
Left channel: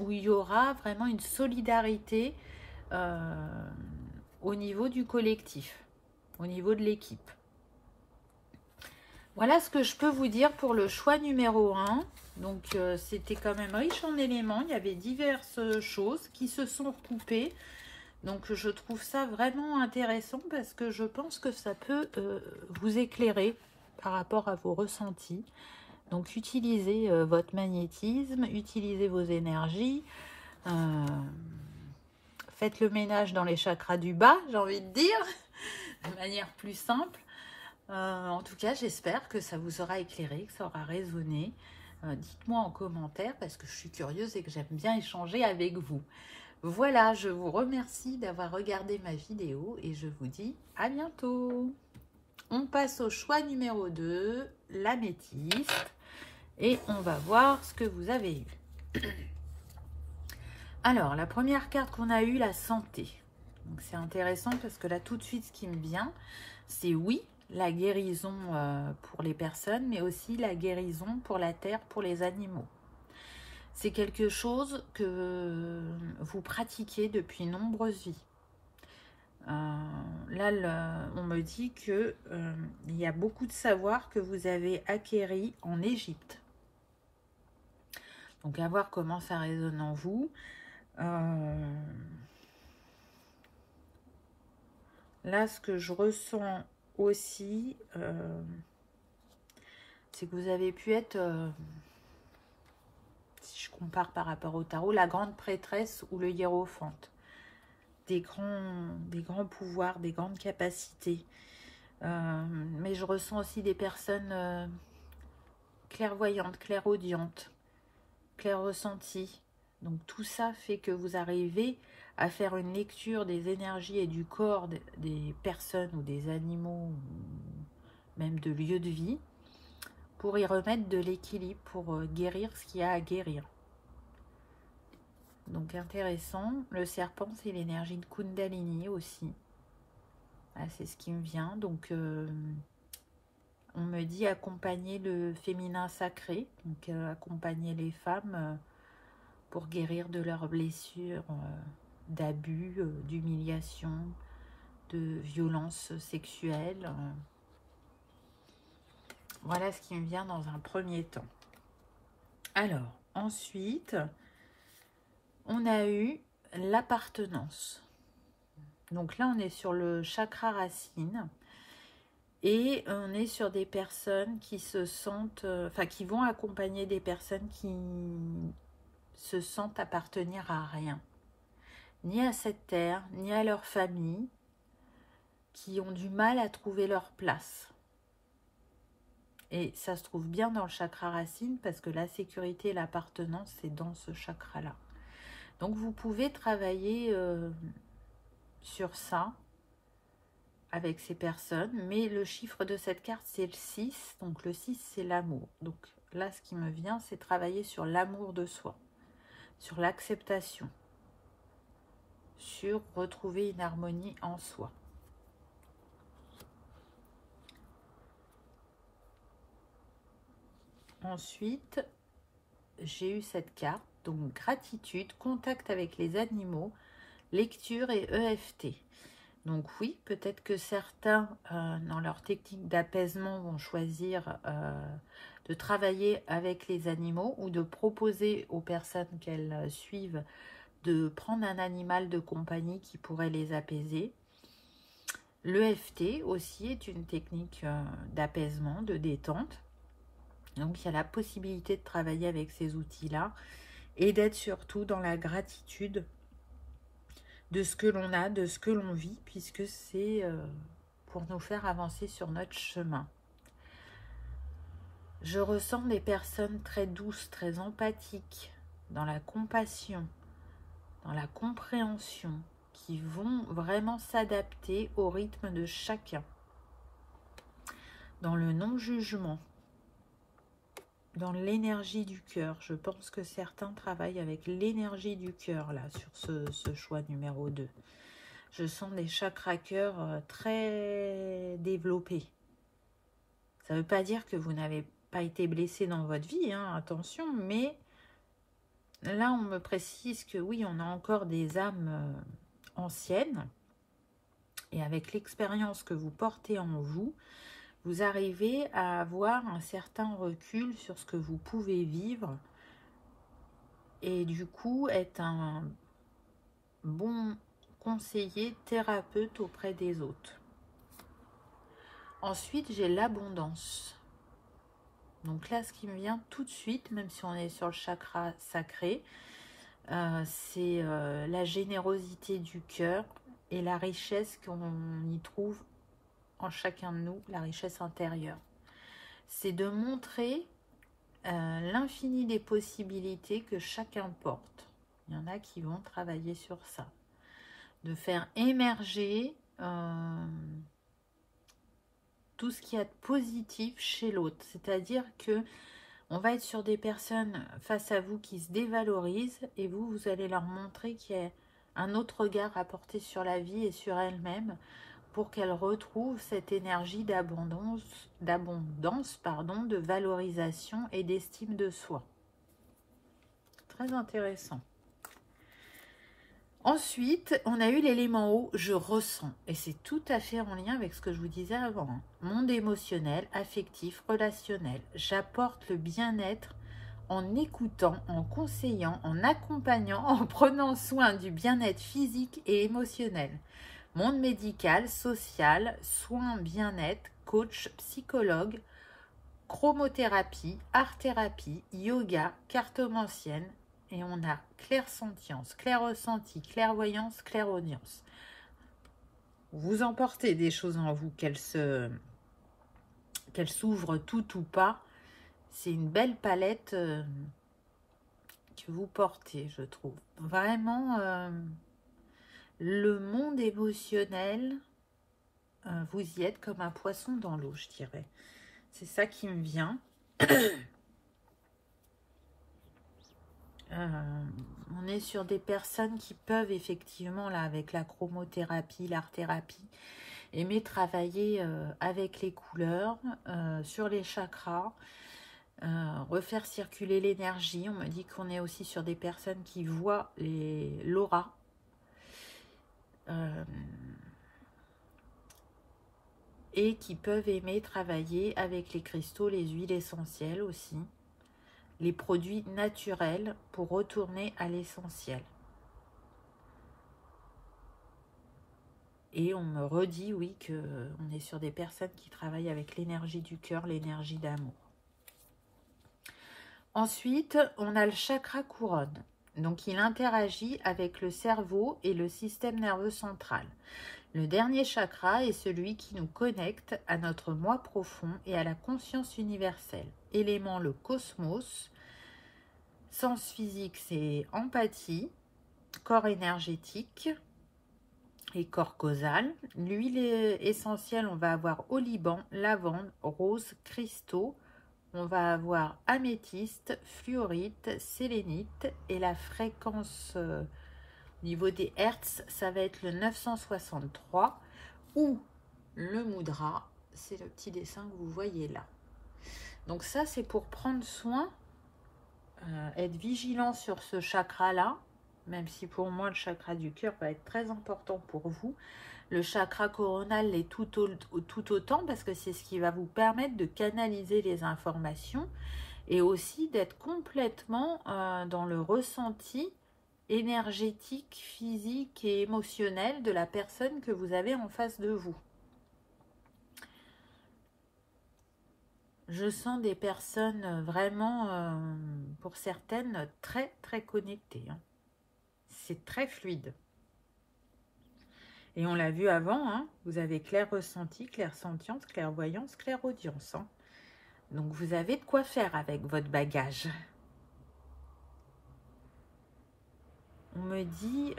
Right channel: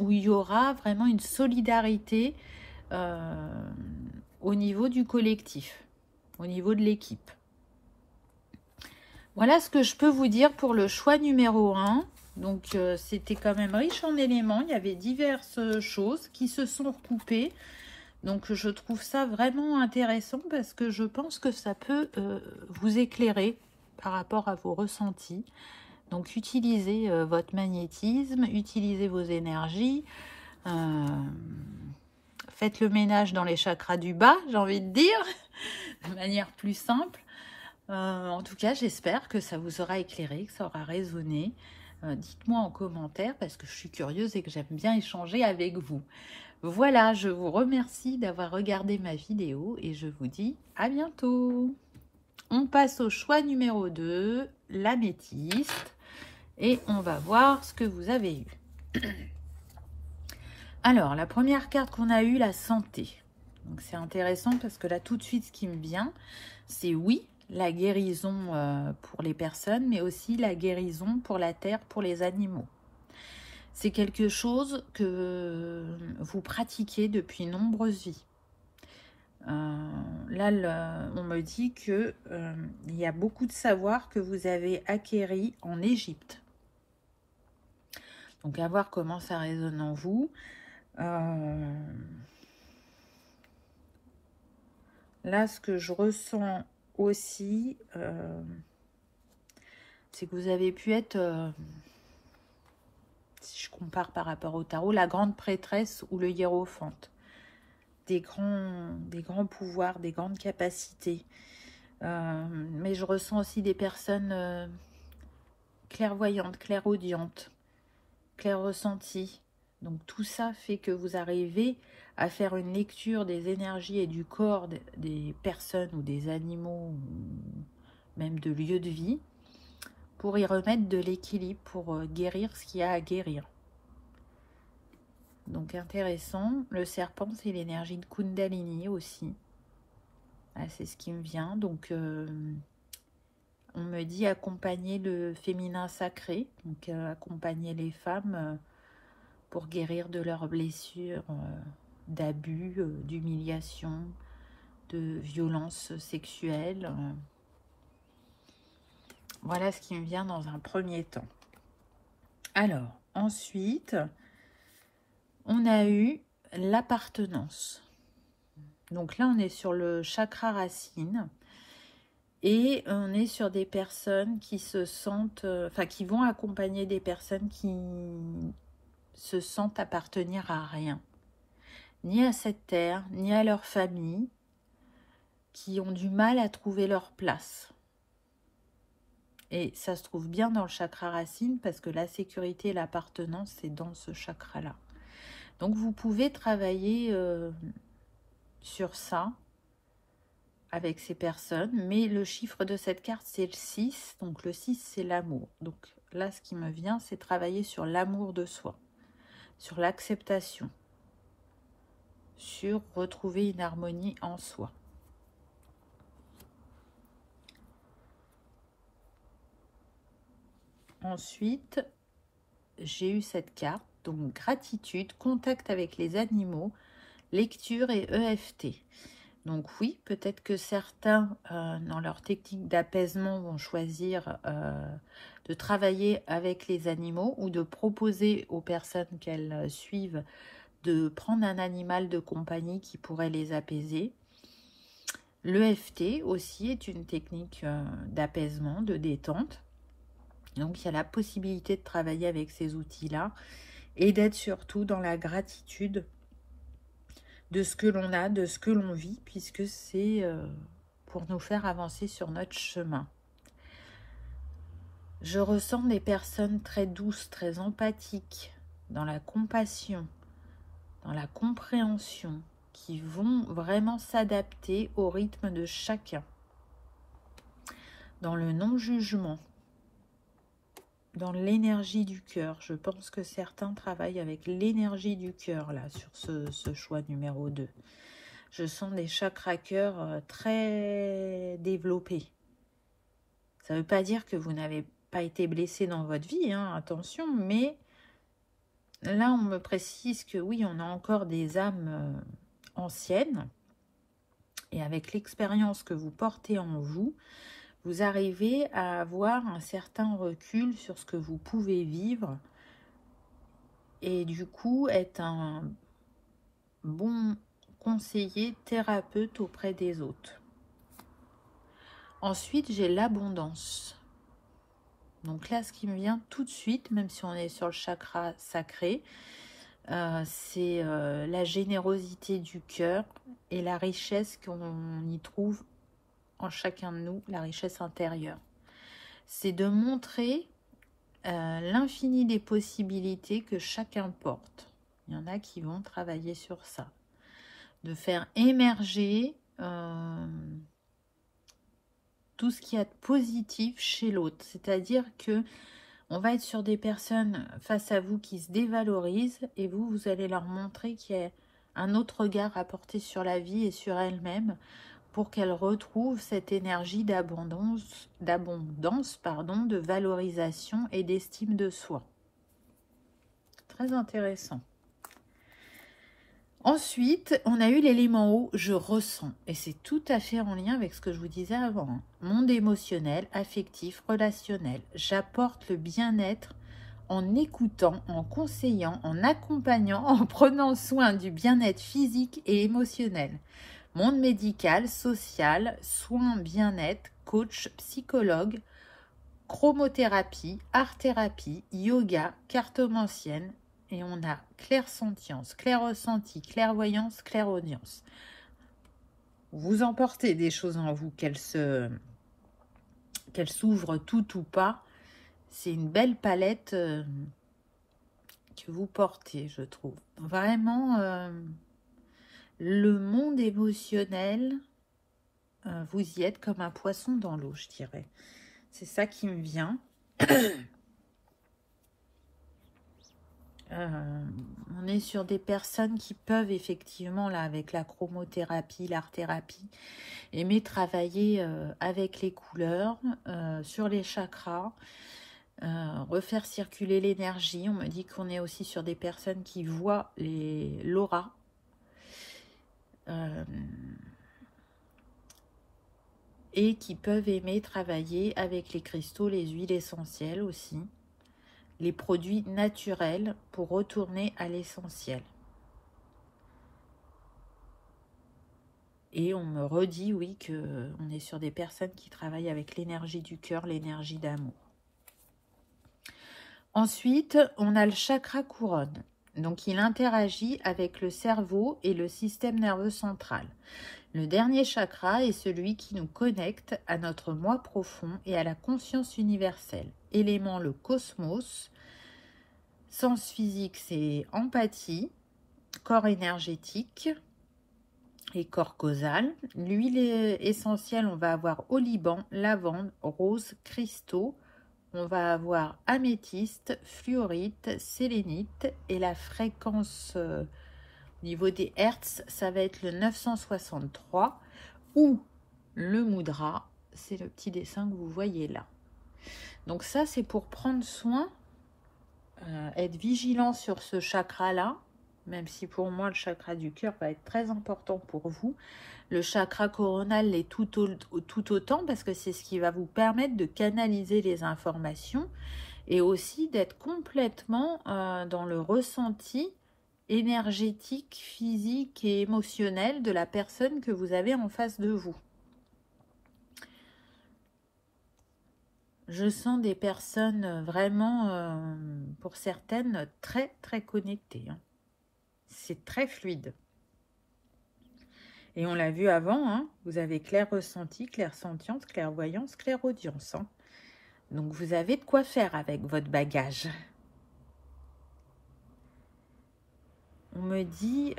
où il y aura vraiment une solidarité au niveau du collectif, au niveau de l'équipe. Voilà ce que je peux vous dire pour le choix numéro 1. Donc, c'était quand même riche en éléments. Il y avait diverses choses qui se sont recoupées. Donc, je trouve ça vraiment intéressant parce que je pense que ça peut vous éclairer par rapport à vos ressentis. Donc, utilisez votre magnétisme, utilisez vos énergies. Faites le ménage dans les chakras du bas, j'ai envie de dire, de manière plus simple. En tout cas, j'espère que ça vous aura éclairé, que ça aura résonné. Dites-moi en commentaire parce que je suis curieuse et que j'aime bien échanger avec vous. Voilà, je vous remercie d'avoir regardé ma vidéo et je vous dis à bientôt. On passe au choix numéro 2, l'améthyste, et on va voir ce que vous avez eu. Alors, la première carte qu'on a eue, la santé. Donc, c'est intéressant parce que là, tout de suite, ce qui me vient, c'est oui, la guérison pour les personnes, mais aussi la guérison pour la terre, pour les animaux. C'est quelque chose que vous pratiquez depuis nombreuses vies. Là, on me dit que il y a beaucoup de savoir que vous avez acquéri en Égypte. Donc, à voir comment ça résonne en vous. Là, ce que je ressens aussi, c'est que vous avez pu être, si je compare par rapport au tarot, la grande prêtresse ou le hiérophante. Des grands pouvoirs, des grandes capacités. Mais je ressens aussi des personnes clairvoyantes, clairaudientes, clairressenties. Donc tout ça fait que vous arrivez à faire une lecture des énergies et du corps des personnes ou des animaux, ou même de lieux de vie, pour y remettre de l'équilibre, pour guérir ce qu'il y a à guérir. Donc intéressant. Le serpent, c'est l'énergie de Kundalini aussi. Ah, c'est ce qui me vient. Donc on me dit accompagner le féminin sacré, donc accompagner les femmes pour guérir de leurs blessures, d'abus, d'humiliation, de violence sexuelle. Voilà ce qui me vient dans un premier temps. Alors, ensuite, on a eu l'appartenance. Donc là, on est sur le chakra racine. Et on est sur des personnes qui se sentent, qui vont accompagner des personnes qui se sentent appartenir à rien, ni à cette terre, ni à leur famille, qui ont du mal à trouver leur place. Et ça se trouve bien dans le chakra racine parce que la sécurité et l'appartenance, c'est dans ce chakra-là. Donc vous pouvez travailler sur ça avec ces personnes, mais le chiffre de cette carte, c'est le 6. Donc le 6, c'est l'amour. Donc là, ce qui me vient, c'est travailler sur l'amour de soi, sur l'acceptation, sur retrouver une harmonie en soi. Ensuite, j'ai eu cette carte, donc gratitude, contact avec les animaux, lecture et EFT. Donc oui, peut-être que certains, dans leur technique d'apaisement, vont choisir de travailler avec les animaux ou de proposer aux personnes qu'elles suivent de prendre un animal de compagnie qui pourrait les apaiser. L'EFT aussi est une technique d'apaisement, de détente. Donc il y a la possibilité de travailler avec ces outils-là et d'être surtout dans la gratitude de ce que l'on a, de ce que l'on vit, puisque c'est pour nous faire avancer sur notre chemin. Je ressens des personnes très douces, très empathiques, dans la compassion, dans la compréhension, qui vont vraiment s'adapter au rythme de chacun, dans le non-jugement, dans l'énergie du cœur. Je pense que certains travaillent avec l'énergie du cœur, là, sur ce choix numéro 2. Je sens des chakras cœur très développés. Ça ne veut pas dire que vous n'avez pas été blessé dans votre vie, hein, attention, mais là, on me précise que oui, on a encore des âmes anciennes, et avec l'expérience que vous portez en vous, vous arrivez à avoir un certain recul sur ce que vous pouvez vivre et du coup être un bon conseiller, thérapeute auprès des autres. Ensuite, j'ai l'abondance. Donc là, ce qui me vient tout de suite, même si on est sur le chakra sacré, c'est la générosité du cœur et la richesse qu'on y trouve en chacun de nous, la richesse intérieure. C'est de montrer l'infini des possibilités que chacun porte. Il y en a qui vont travailler sur ça. De faire émerger tout ce qu'il y a de positif chez l'autre. C'est-à-dire que on va être sur des personnes face à vous qui se dévalorisent et vous allez leur montrer qu'il y a un autre regard à porter sur la vie et sur elles-mêmes pour qu'elle retrouve cette énergie d'abondance, pardon, de valorisation et d'estime de soi. Très intéressant. Ensuite, on a eu l'élément eau, je ressens. Et c'est tout à fait en lien avec ce que je vous disais avant. Hein. Monde émotionnel, affectif, relationnel. J'apporte le bien-être en écoutant, en conseillant, en accompagnant, en prenant soin du bien-être physique et émotionnel. Monde médical, social, soins, bien-être, coach, psychologue, chromothérapie, art-thérapie, yoga, cartomancienne. Et on a clairsentience, clair-ressenti, clairvoyance, clairaudience. Vous emportez des choses en vous, qu'elles s'ouvrent toutes ou pas. C'est une belle palette que vous portez, je trouve. Vraiment, le monde émotionnel, vous y êtes comme un poisson dans l'eau, je dirais. C'est ça qui me vient. On est sur des personnes qui peuvent effectivement, là, avec la chromothérapie, l'art-thérapie, aimer travailler avec les couleurs, sur les chakras, refaire circuler l'énergie. On me dit qu'on est aussi sur des personnes qui voient l'aura. Et qui peuvent aimer travailler avec les cristaux, les huiles essentielles aussi. Les produits naturels pour retourner à l'essentiel. Et on me redit, oui, qu'on est sur des personnes qui travaillent avec l'énergie du cœur, l'énergie d'amour. Ensuite, on a le chakra couronne. Donc, il interagit avec le cerveau et le système nerveux central. Le dernier chakra est celui qui nous connecte à notre moi profond et à la conscience universelle. Élément, le cosmos. Sens physique, c'est empathie. Corps énergétique et corps causal. L'huile essentielle, on va avoir oliban, lavande, rose, cristaux. On va avoir améthyste, fluorite, sélénite. Et la fréquence au niveau des hertz, ça va être le 963. Ou le mudra, c'est le petit dessin que vous voyez là. Donc ça, c'est pour prendre soin, être vigilant sur ce chakra-là. Même si pour moi, le chakra du cœur va être très important pour vous. Le chakra coronal l'est tout autant parce que c'est ce qui va vous permettre de canaliser les informations et aussi d'être complètement dans le ressenti énergétique, physique et émotionnel de la personne que vous avez en face de vous. Je sens des personnes vraiment, pour certaines, très très connectées. Hein. C'est très fluide. Et on l'a vu avant, hein, vous avez clair ressenti, clairsentience, clairvoyance, clairaudience. Hein. Donc vous avez de quoi faire avec votre bagage. On me dit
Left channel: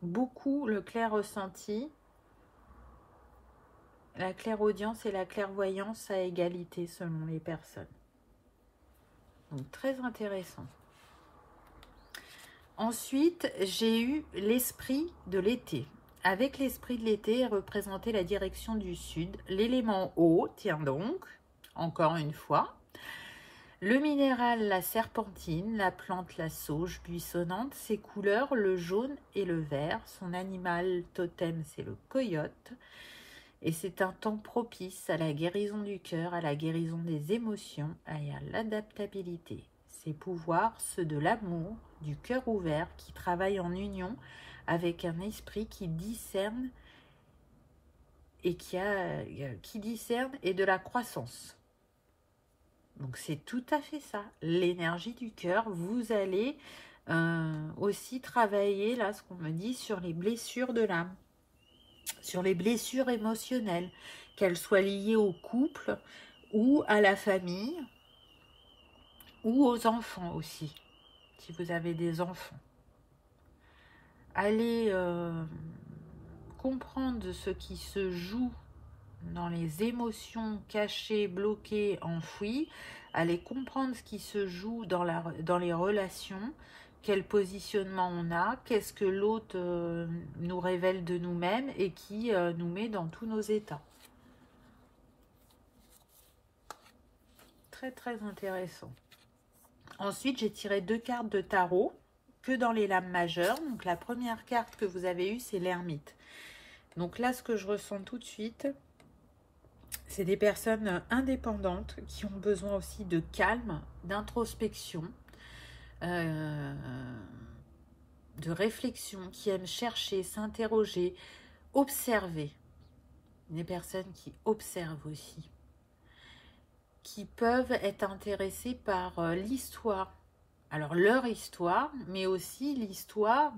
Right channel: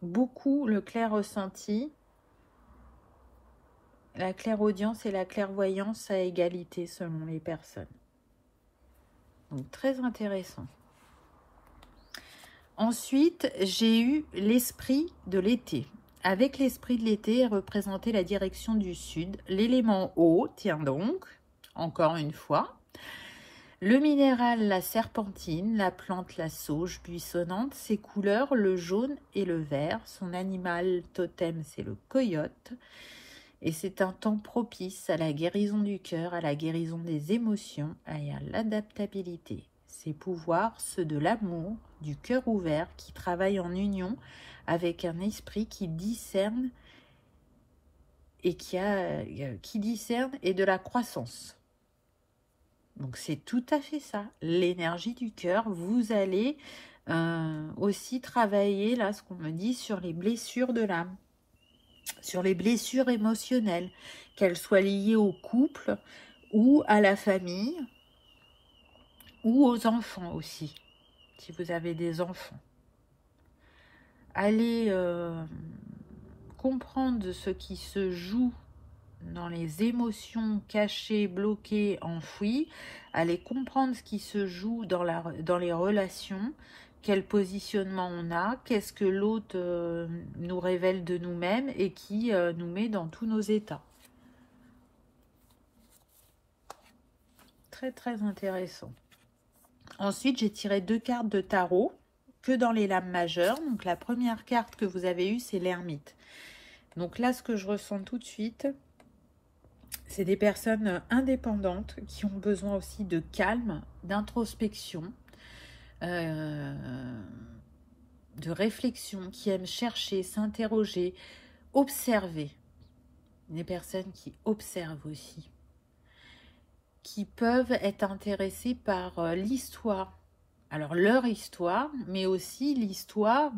beaucoup le clair ressenti, la clairaudience et la clairvoyance à égalité selon les personnes. Donc très intéressant. Ensuite, j'ai eu l'esprit de l'été. Avec l'esprit de l'été, représenter la direction du sud. L'élément eau, tiens donc, encore une fois. Le minéral, la serpentine. La plante, la sauge buissonnante. Ses couleurs, le jaune et le vert. Son animal totem, c'est le coyote. Et c'est un temps propice à la guérison du cœur, à la guérison des émotions et à l'adaptabilité. Ses pouvoirs, ceux de l'amour, du cœur ouvert, qui travaille en union avec un esprit qui discerne et qui discerne et de la croissance. Donc c'est tout à fait ça, l'énergie du cœur. Vous allez aussi travailler, là, ce qu'on me dit, sur les blessures de l'âme, sur les blessures émotionnelles, qu'elles soient liées au couple ou à la famille, ou aux enfants aussi, si vous avez des enfants. Allez comprendre ce qui se joue dans les émotions cachées, bloquées, enfouies. Allez comprendre ce qui se joue dans les relations. quel positionnement on a, qu'est-ce que l'autre nous révèle de nous-mêmes et qui nous met dans tous nos états. Très très intéressant. Ensuite, j'ai tiré 2 cartes de tarot que dans les lames majeures. Donc la première carte que vous avez eue, c'est l'ermite. Donc là, ce que je ressens tout de suite, c'est des personnes indépendantes qui ont besoin aussi de calme, d'introspection, de réflexion, qui aiment chercher, s'interroger, observer. Des personnes qui observent aussi, qui peuvent être intéressées par l'histoire. Alors leur histoire, mais aussi l'histoire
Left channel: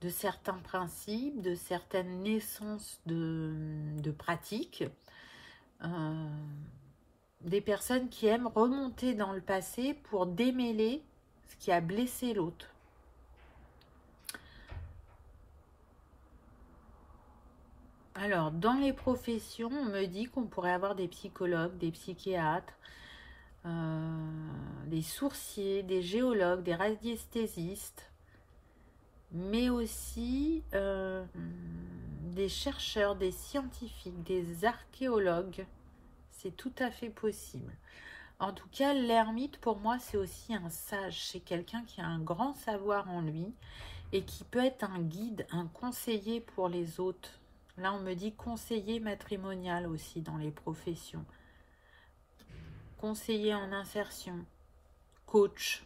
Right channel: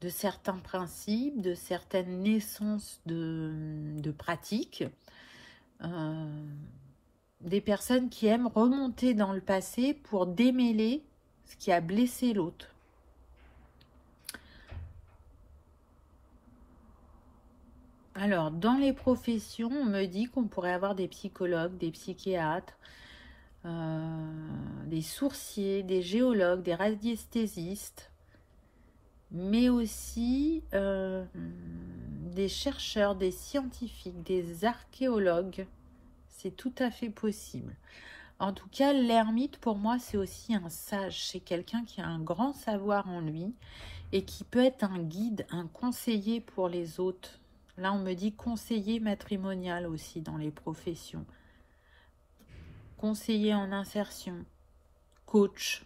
de certains principes, de certaines naissances de pratiques. Des personnes qui aiment remonter dans le passé pour démêler ce qui a blessé l'autre. Alors, dans les professions, on me dit qu'on pourrait avoir des psychologues, des psychiatres, des sourciers, des géologues, des radiesthésistes, mais aussi des chercheurs, des scientifiques, des archéologues. C'est tout à fait possible. En tout cas, l'ermite, pour moi, c'est aussi un sage. C'est quelqu'un qui a un grand savoir en lui et qui peut être un guide, un conseiller pour les autres. Là, on me dit conseiller matrimonial aussi dans les professions. Conseiller en insertion, coach.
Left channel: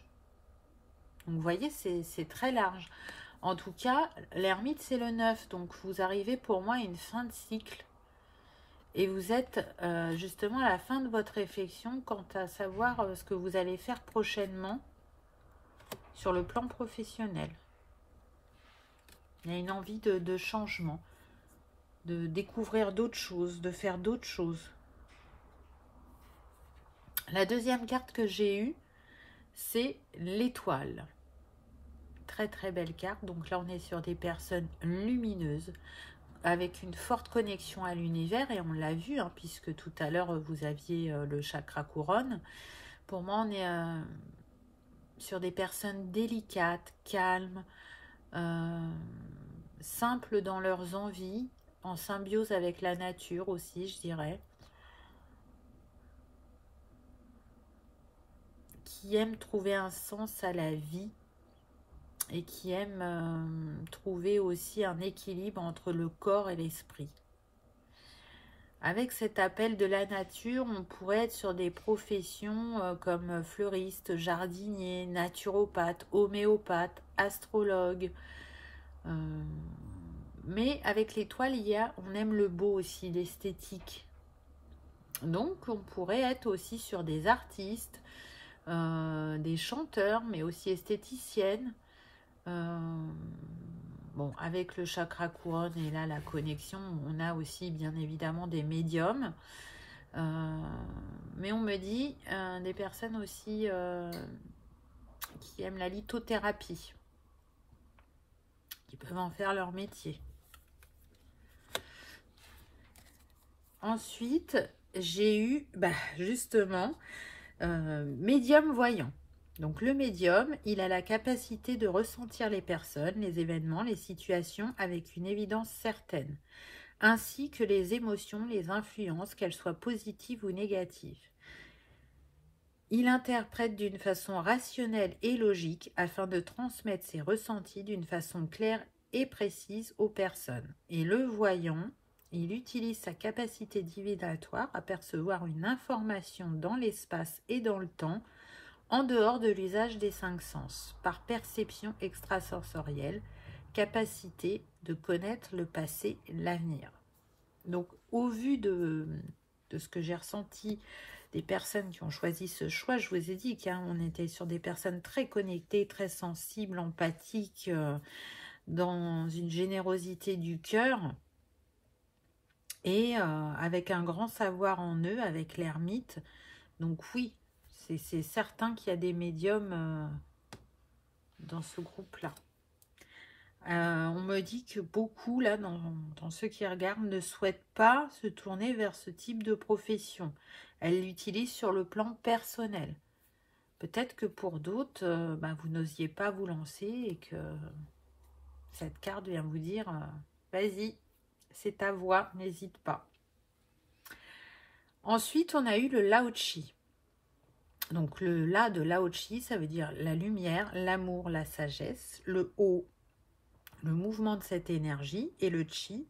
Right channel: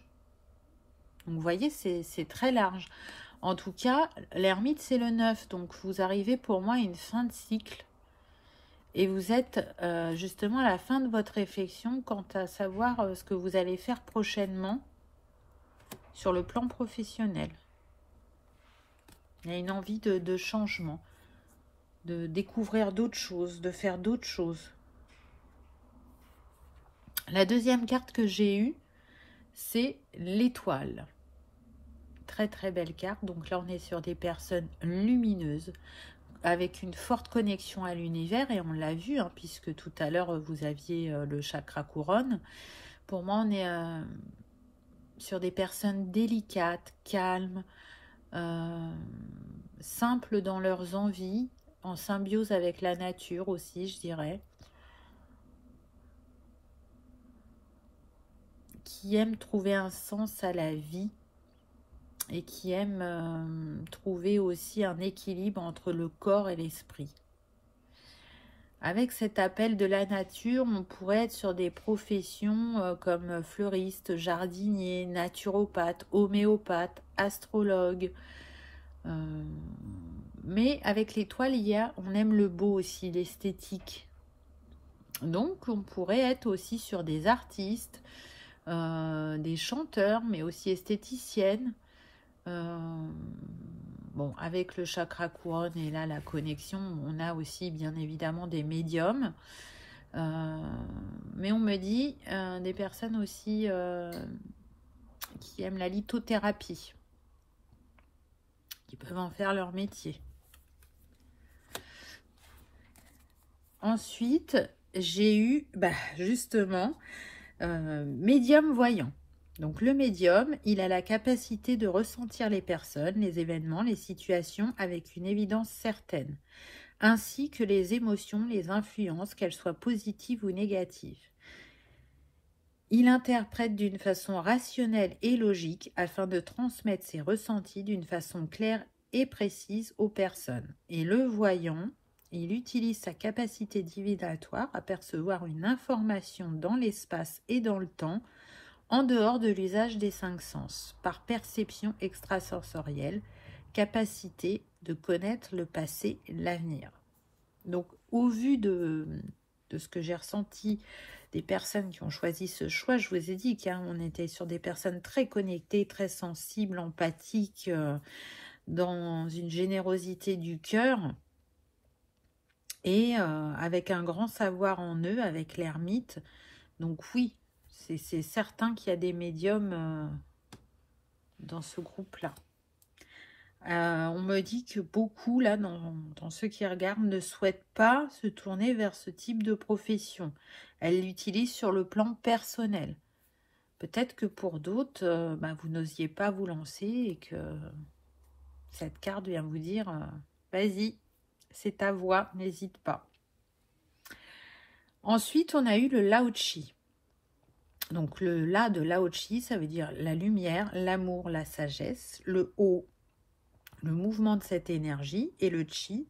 Donc, vous voyez, c'est très large. En tout cas, l'ermite, c'est le 9. Donc, vous arrivez pour moi à une fin de cycle. Et vous êtes justement à la fin de votre réflexion quant à savoir ce que vous allez faire prochainement sur le plan professionnel. Il y a une envie de changement, de découvrir d'autres choses, de faire d'autres choses. La deuxième carte que j'ai eue, c'est l'étoile. Très très belle carte. Donc là, on est sur des personnes lumineuses, avec une forte connexion à l'univers, et on l'a vu, hein, puisque tout à l'heure, vous aviez le chakra couronne. Pour moi, on est sur des personnes délicates, calmes, simples dans leurs envies, en symbiose avec la nature aussi, je dirais. Qui aiment trouver un sens à la vie et qui aiment trouver aussi un équilibre entre le corps et l'esprit. Avec cet appel de la nature, on pourrait être sur des professions comme fleuriste, jardinier, naturopathe, homéopathe, astrologue. Mais avec l'étoile, on aime le beau aussi, l'esthétique. Donc, on pourrait être aussi sur des artistes, des chanteurs, mais aussi esthéticiennes. Bon, avec le chakra couronne et là la connexion, on a aussi bien évidemment des médiums. Mais on me dit des personnes aussi qui aiment la lithothérapie, qui peuvent en faire leur métier. Ensuite, j'ai eu justement médium voyant. Donc le médium, il a la capacité de ressentir les personnes, les événements, les situations avec une évidence certaine, ainsi que les émotions, les influences, qu'elles soient positives ou négatives. Il interprète d'une façon rationnelle et logique afin de transmettre ses ressentis d'une façon claire et précise aux personnes. Et le voyant, il utilise sa capacité divinatoire à percevoir une information dans l'espace et dans le temps, en dehors de l'usage des 5 sens, par perception extrasensorielle, capacité de connaître le passé et l'avenir. Donc, au vu de ce que j'ai ressenti des personnes qui ont choisi ce choix, je vous ai dit qu'on était sur des personnes très connectées, très sensibles, empathiques, dans une générosité du cœur, et avec un grand savoir en eux, avec l'ermite. Donc oui, c'est certain qu'il y a des médiums dans ce groupe-là. On me dit que beaucoup, là, dans ceux qui regardent, ne souhaitent pas se tourner vers ce type de profession. Elles l'utilisent sur le plan personnel. Peut-être que pour d'autres, vous n'osiez pas vous lancer et que cette carte vient vous dire vas-y, c'est ta voix, n'hésite pas. Ensuite, on a eu le Lao-Chi. Donc le La de Lao-Chi, ça veut dire la lumière, l'amour, la sagesse. Le O, le mouvement de cette énergie. Et le Chi,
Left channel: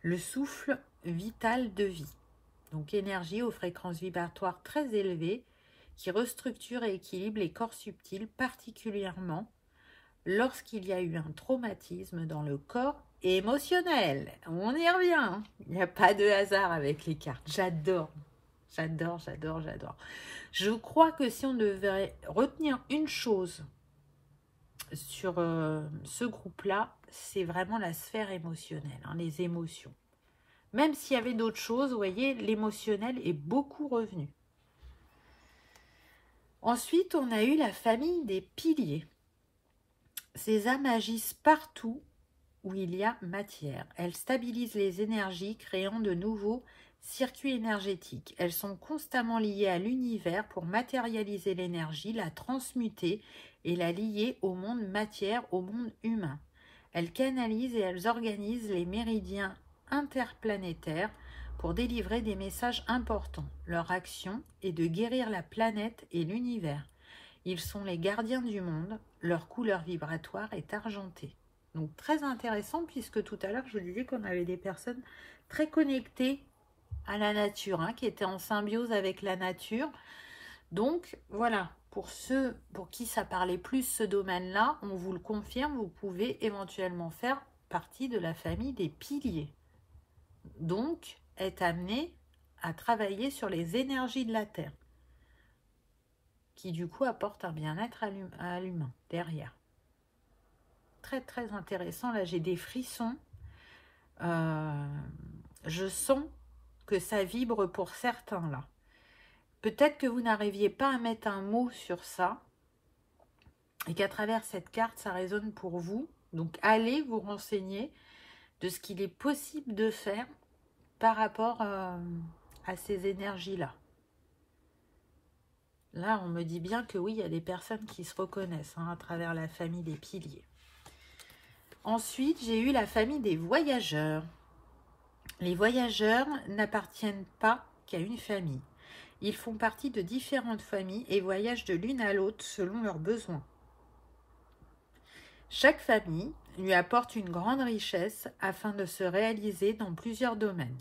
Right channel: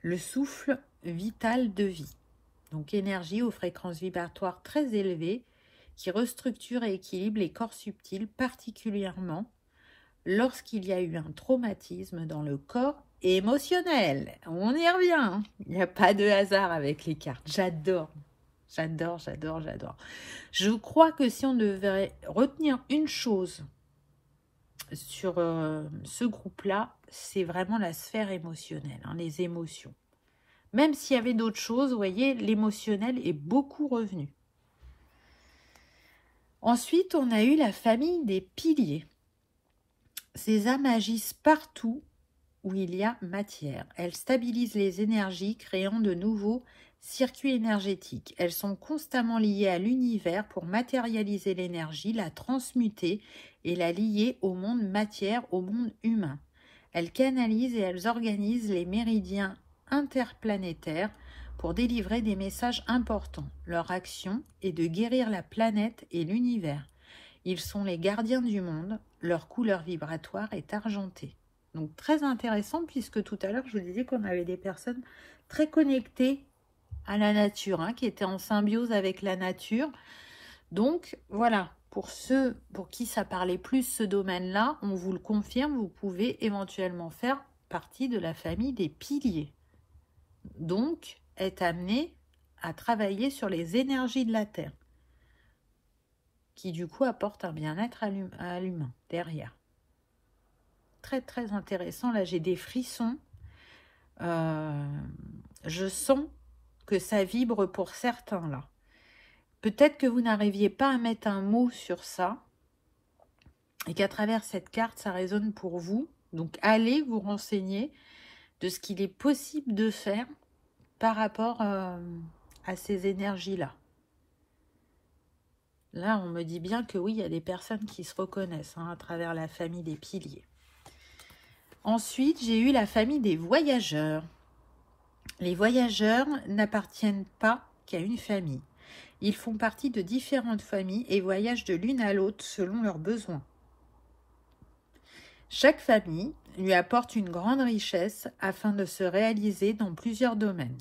le souffle vital de vie. Donc énergie aux fréquences vibratoires très élevées qui restructure et équilibre les corps subtils, particulièrement lorsqu'il y a eu un traumatisme dans le corps émotionnel. On y revient. Il n'y a pas de hasard avec les cartes. J'adore. J'adore, j'adore, j'adore. Je crois que si on devait retenir une chose sur ce groupe-là, c'est vraiment la sphère émotionnelle, hein, les émotions. Même s'il y avait d'autres choses, vous voyez, l'émotionnel est beaucoup revenu. Ensuite, on a eu la famille des piliers. Ces âmes agissent partout où il y a matière. Elles stabilisent les énergies, créant de nouveaux circuits énergétiques. Elles sont constamment liées à l'univers pour matérialiser l'énergie, la transmuter et la lier au monde matière, au monde humain. Elles canalisent et elles organisent les méridiens interplanétaires pour délivrer des messages importants. Leur action est de guérir la planète et l'univers. Ils sont les gardiens du monde. Leur couleur vibratoire est argentée. Donc très intéressant puisque tout à l'heure je vous disais qu'on avait des personnes très connectées à la nature, hein, qui étaient en symbiose avec la nature. Donc voilà, pour ceux pour qui ça parlait plus ce domaine-là, on vous le confirme, vous pouvez éventuellement faire partie de la famille des piliers. Donc être amené à travailler sur les énergies de la Terre, qui du coup apportent un bien-être à l'humain derrière. Très très intéressant, là j'ai des frissons, je sens que ça vibre pour certains là. Peut-être que vous n'arriviez pas à mettre un mot sur ça et qu'à travers cette carte ça résonne pour vous, donc allez vous renseigner de ce qu'il est possible de faire par rapport à ces énergies là. Là on me dit bien que oui, il y a des personnes qui se reconnaissent, hein, à travers la famille des piliers. Ensuite, j'ai eu la famille des voyageurs. Les voyageurs n'appartiennent pas qu'à une famille. Ils font partie de différentes familles et voyagent de l'une à l'autre selon leurs besoins. Chaque famille lui apporte une grande richesse afin de se réaliser dans plusieurs domaines.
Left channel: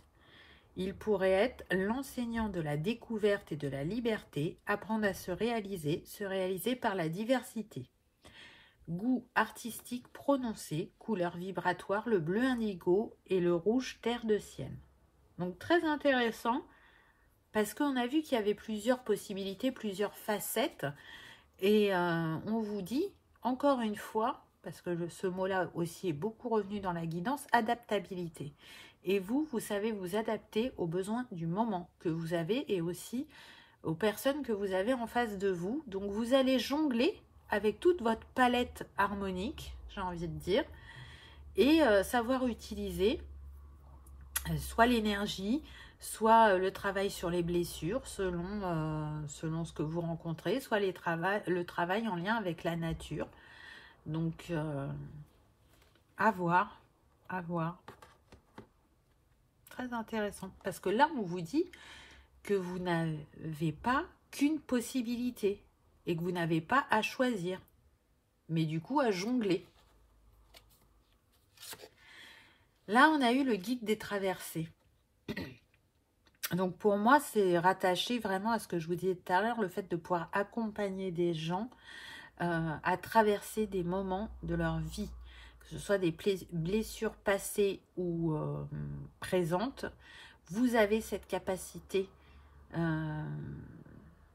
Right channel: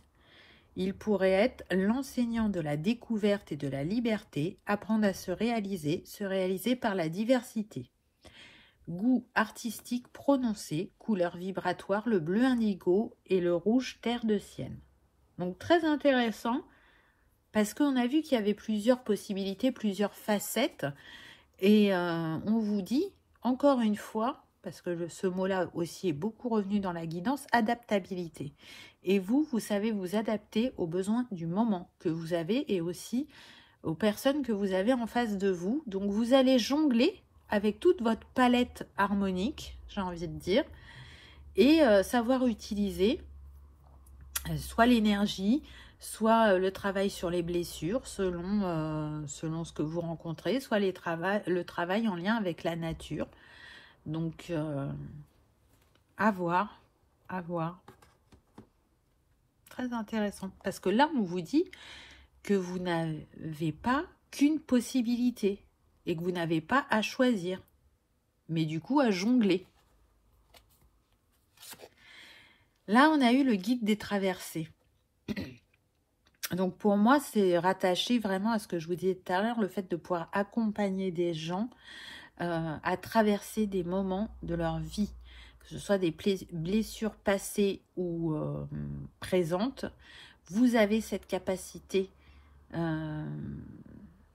Il pourrait être l'enseignant de la découverte et de la liberté, apprendre à se réaliser par la diversité. Goût artistique prononcé, couleur vibratoire, le bleu indigo et le rouge terre de sienne. Donc très intéressant parce qu'on a vu qu'il y avait plusieurs possibilités, plusieurs facettes et on vous dit encore une fois, parce que ce mot-là aussi est beaucoup revenu dans la guidance, adaptabilité. Et vous savez vous adapter aux besoins du moment que vous avez et aussi aux personnes que vous avez en face de vous. Donc vous allez jongler avec toute votre palette harmonique, j'ai envie de dire, et savoir utiliser soit l'énergie, soit le travail sur les blessures, selon ce que vous rencontrez, soit le travail en lien avec la nature. Donc, à voir. Très intéressant. Parce que là, on vous dit que vous n'avez pas qu'une possibilité. Et que vous n'avez pas à choisir, mais du coup à jongler. Là, on a eu le guide des traversées. Donc pour moi, c'est rattaché vraiment à ce que je vous disais tout à l'heure, le fait de pouvoir accompagner des gens à traverser des moments de leur vie, que ce soit des blessures passées ou présentes. Vous avez cette capacité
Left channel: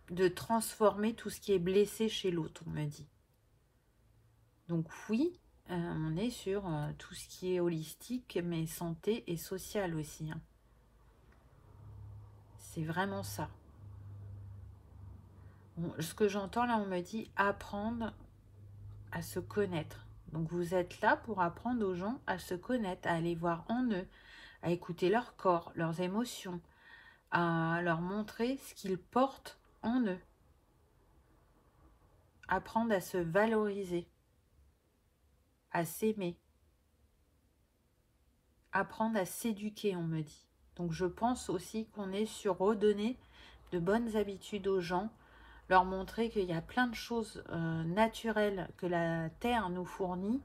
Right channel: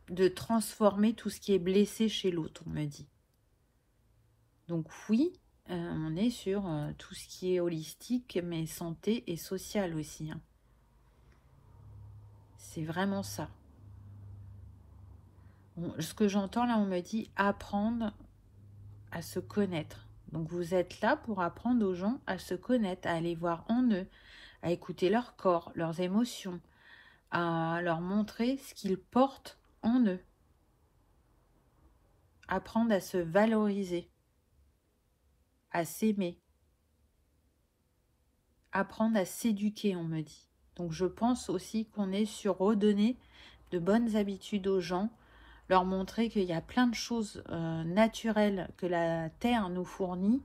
de transformer tout ce qui est blessé chez l'autre, on me dit. Donc oui, on est sur tout ce qui est holistique, mais santé et social aussi, hein. C'est vraiment ça. Bon, ce que j'entends là, on me dit apprendre à se connaître. Donc vous êtes là pour apprendre aux gens à se connaître, à aller voir en eux, à écouter leur corps, leurs émotions, à leur montrer ce qu'ils portent en eux. apprendre à se valoriser, à s'aimer, apprendre à s'éduquer, on me dit. Donc je pense aussi qu'on est sur redonner de bonnes habitudes aux gens, leur montrer qu'il y a plein de choses naturelles que la terre nous fournit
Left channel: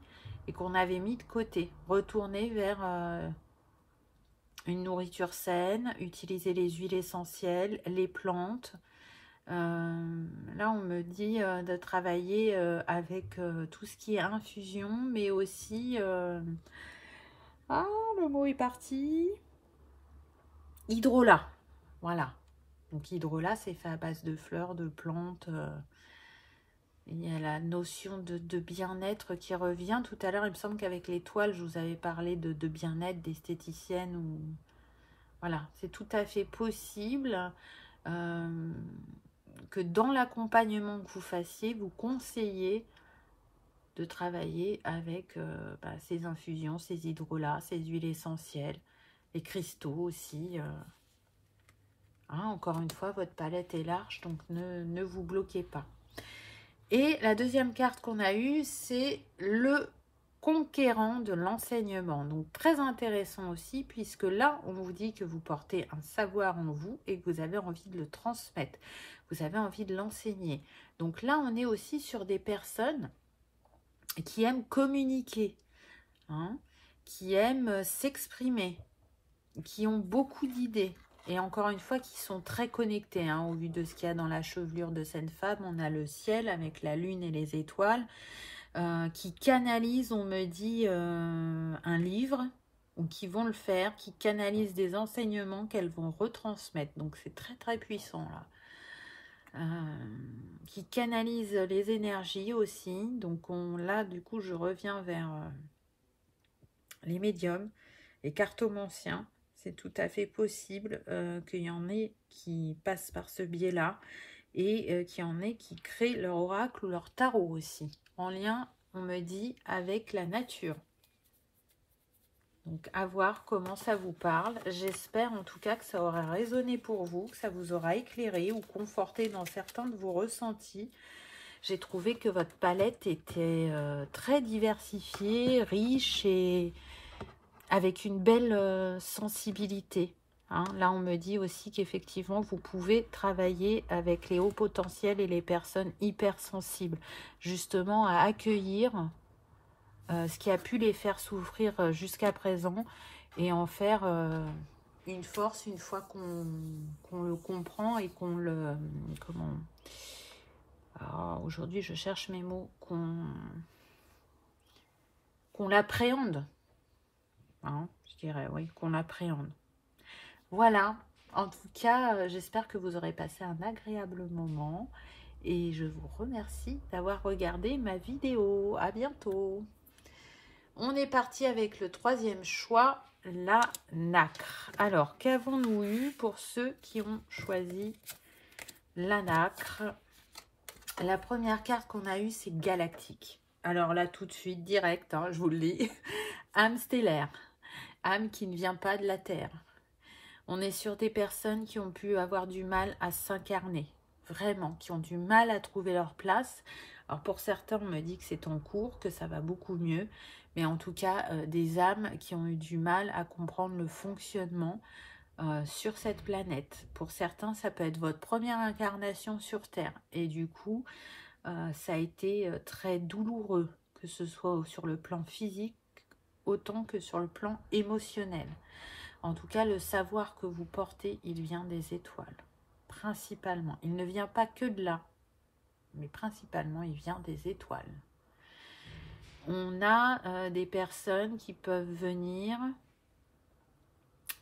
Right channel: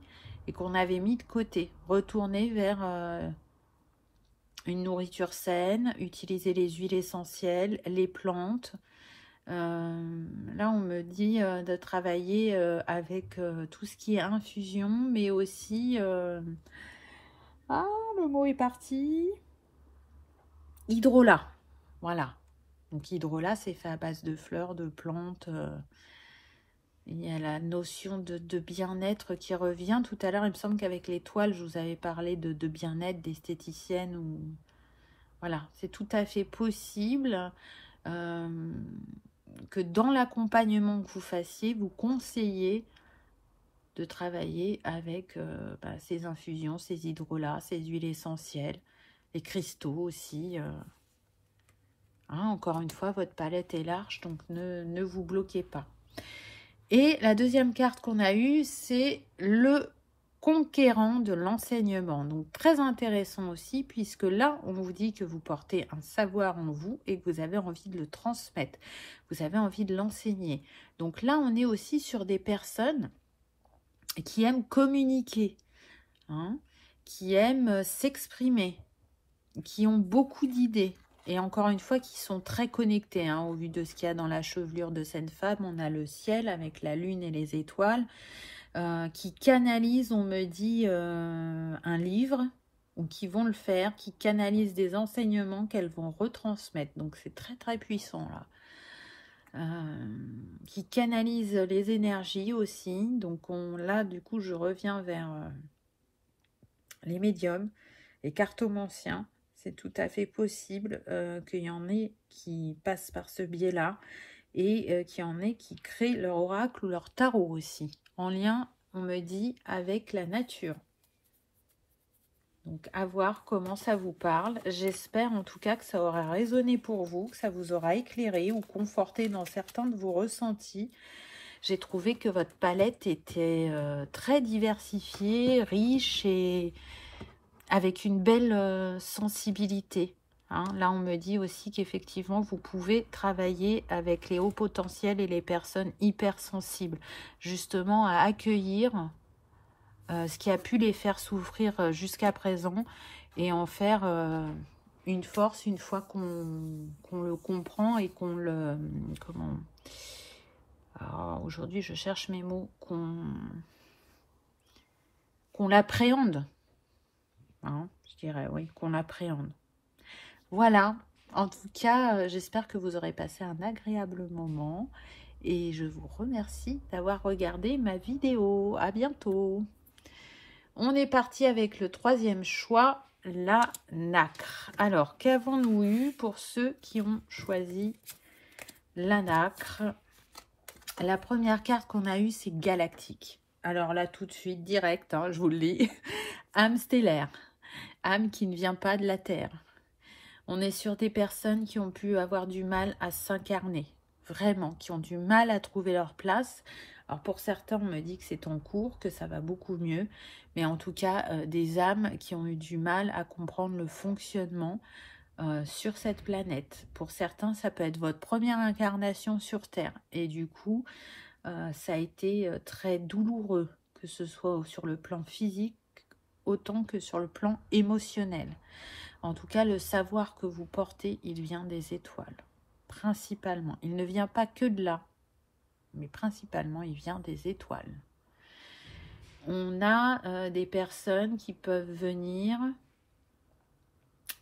et qu'on avait mis de côté. Retourner vers une nourriture saine, utiliser les huiles essentielles, les plantes. Là, on me dit de travailler avec tout ce qui est infusion, mais aussi... ah, le mot est parti. Hydrolat. Voilà. Donc, hydrolat, c'est fait à base de fleurs, de plantes. Il y a la notion de bien-être qui revient. Tout à l'heure, il me semble qu'avec l'étoile, je vous avais parlé de bien-être, d'esthéticienne. Ou... Voilà, c'est tout à fait possible que dans l'accompagnement que vous fassiez, vous conseillez de travailler avec ces infusions, ces hydrolats, ces huiles essentielles, les cristaux aussi. Encore une fois, votre palette est large, donc ne vous bloquez pas. Et la deuxième carte qu'on a eue, c'est le conquérant de l'enseignement. Donc très intéressant aussi, puisque là, on vous dit que vous portez un savoir en vous et que vous avez envie de le transmettre. Vous avez envie de l'enseigner. Donc là, on est aussi sur des personnes qui aiment communiquer, hein, qui aiment s'exprimer, qui ont beaucoup d'idées. Et encore une fois, qui sont très connectés, hein, au vu de ce qu'il y a dans la chevelure de cette femme. On a le ciel avec la lune et les étoiles, qui canalisent, on me dit, un livre, ou qui vont le faire, qui canalisent des enseignements qu'elles vont retransmettre. Donc c'est très très puissant là. Qui canalisent les énergies aussi. Donc là, du coup, je reviens vers les médiums, les cartomanciens. C'est tout à fait possible qu'il y en ait qui passent par ce biais-là et qu'il y en ait qui créent leur oracle ou leur tarot aussi, en lien, on me dit, avec la nature. Donc, à voir comment ça vous parle. J'espère en tout cas que ça aura résonné pour vous, que ça vous aura éclairé ou conforté dans certains de vos ressentis. J'ai trouvé que votre palette était très diversifiée, riche et avec une belle sensibilité. Hein. Là, on me dit aussi qu'effectivement, vous pouvez travailler avec les hauts potentiels et les personnes hypersensibles, justement à accueillir ce qui a pu les faire souffrir jusqu'à présent et en faire une force une fois qu'on le comprend et qu'on le... Comment... Aujourd'hui, je cherche mes mots, qu'on l'appréhende. Hein, je dirais, oui, qu'on l'appréhende. Voilà, en tout cas, j'espère que vous aurez passé un agréable moment et je vous remercie d'avoir regardé ma vidéo. À bientôt. On est parti avec le troisième choix, la nacre. Alors, qu'avons-nous eu pour ceux qui ont choisi la nacre? La première carte qu'on a eue, c'est galactique. Alors là, tout de suite, direct, hein, je vous le dis, âme stellaire. Âme qui ne vient pas de la Terre. On est sur des personnes qui ont pu avoir du mal à s'incarner. Vraiment, qui ont du mal à trouver leur place. Alors pour certains, on me dit que c'est en cours, que ça va beaucoup mieux. Mais en tout cas, des âmes qui ont eu du mal à comprendre le fonctionnement sur cette planète. Pour certains, ça peut être votre première incarnation sur Terre. Et du coup, ça a été très douloureux, que ce soit sur le plan physique, autant que sur le plan émotionnel. En tout cas, le savoir que vous portez, il vient des étoiles, principalement. Il ne vient pas que de là, mais principalement, il vient des étoiles. On a des personnes qui peuvent venir,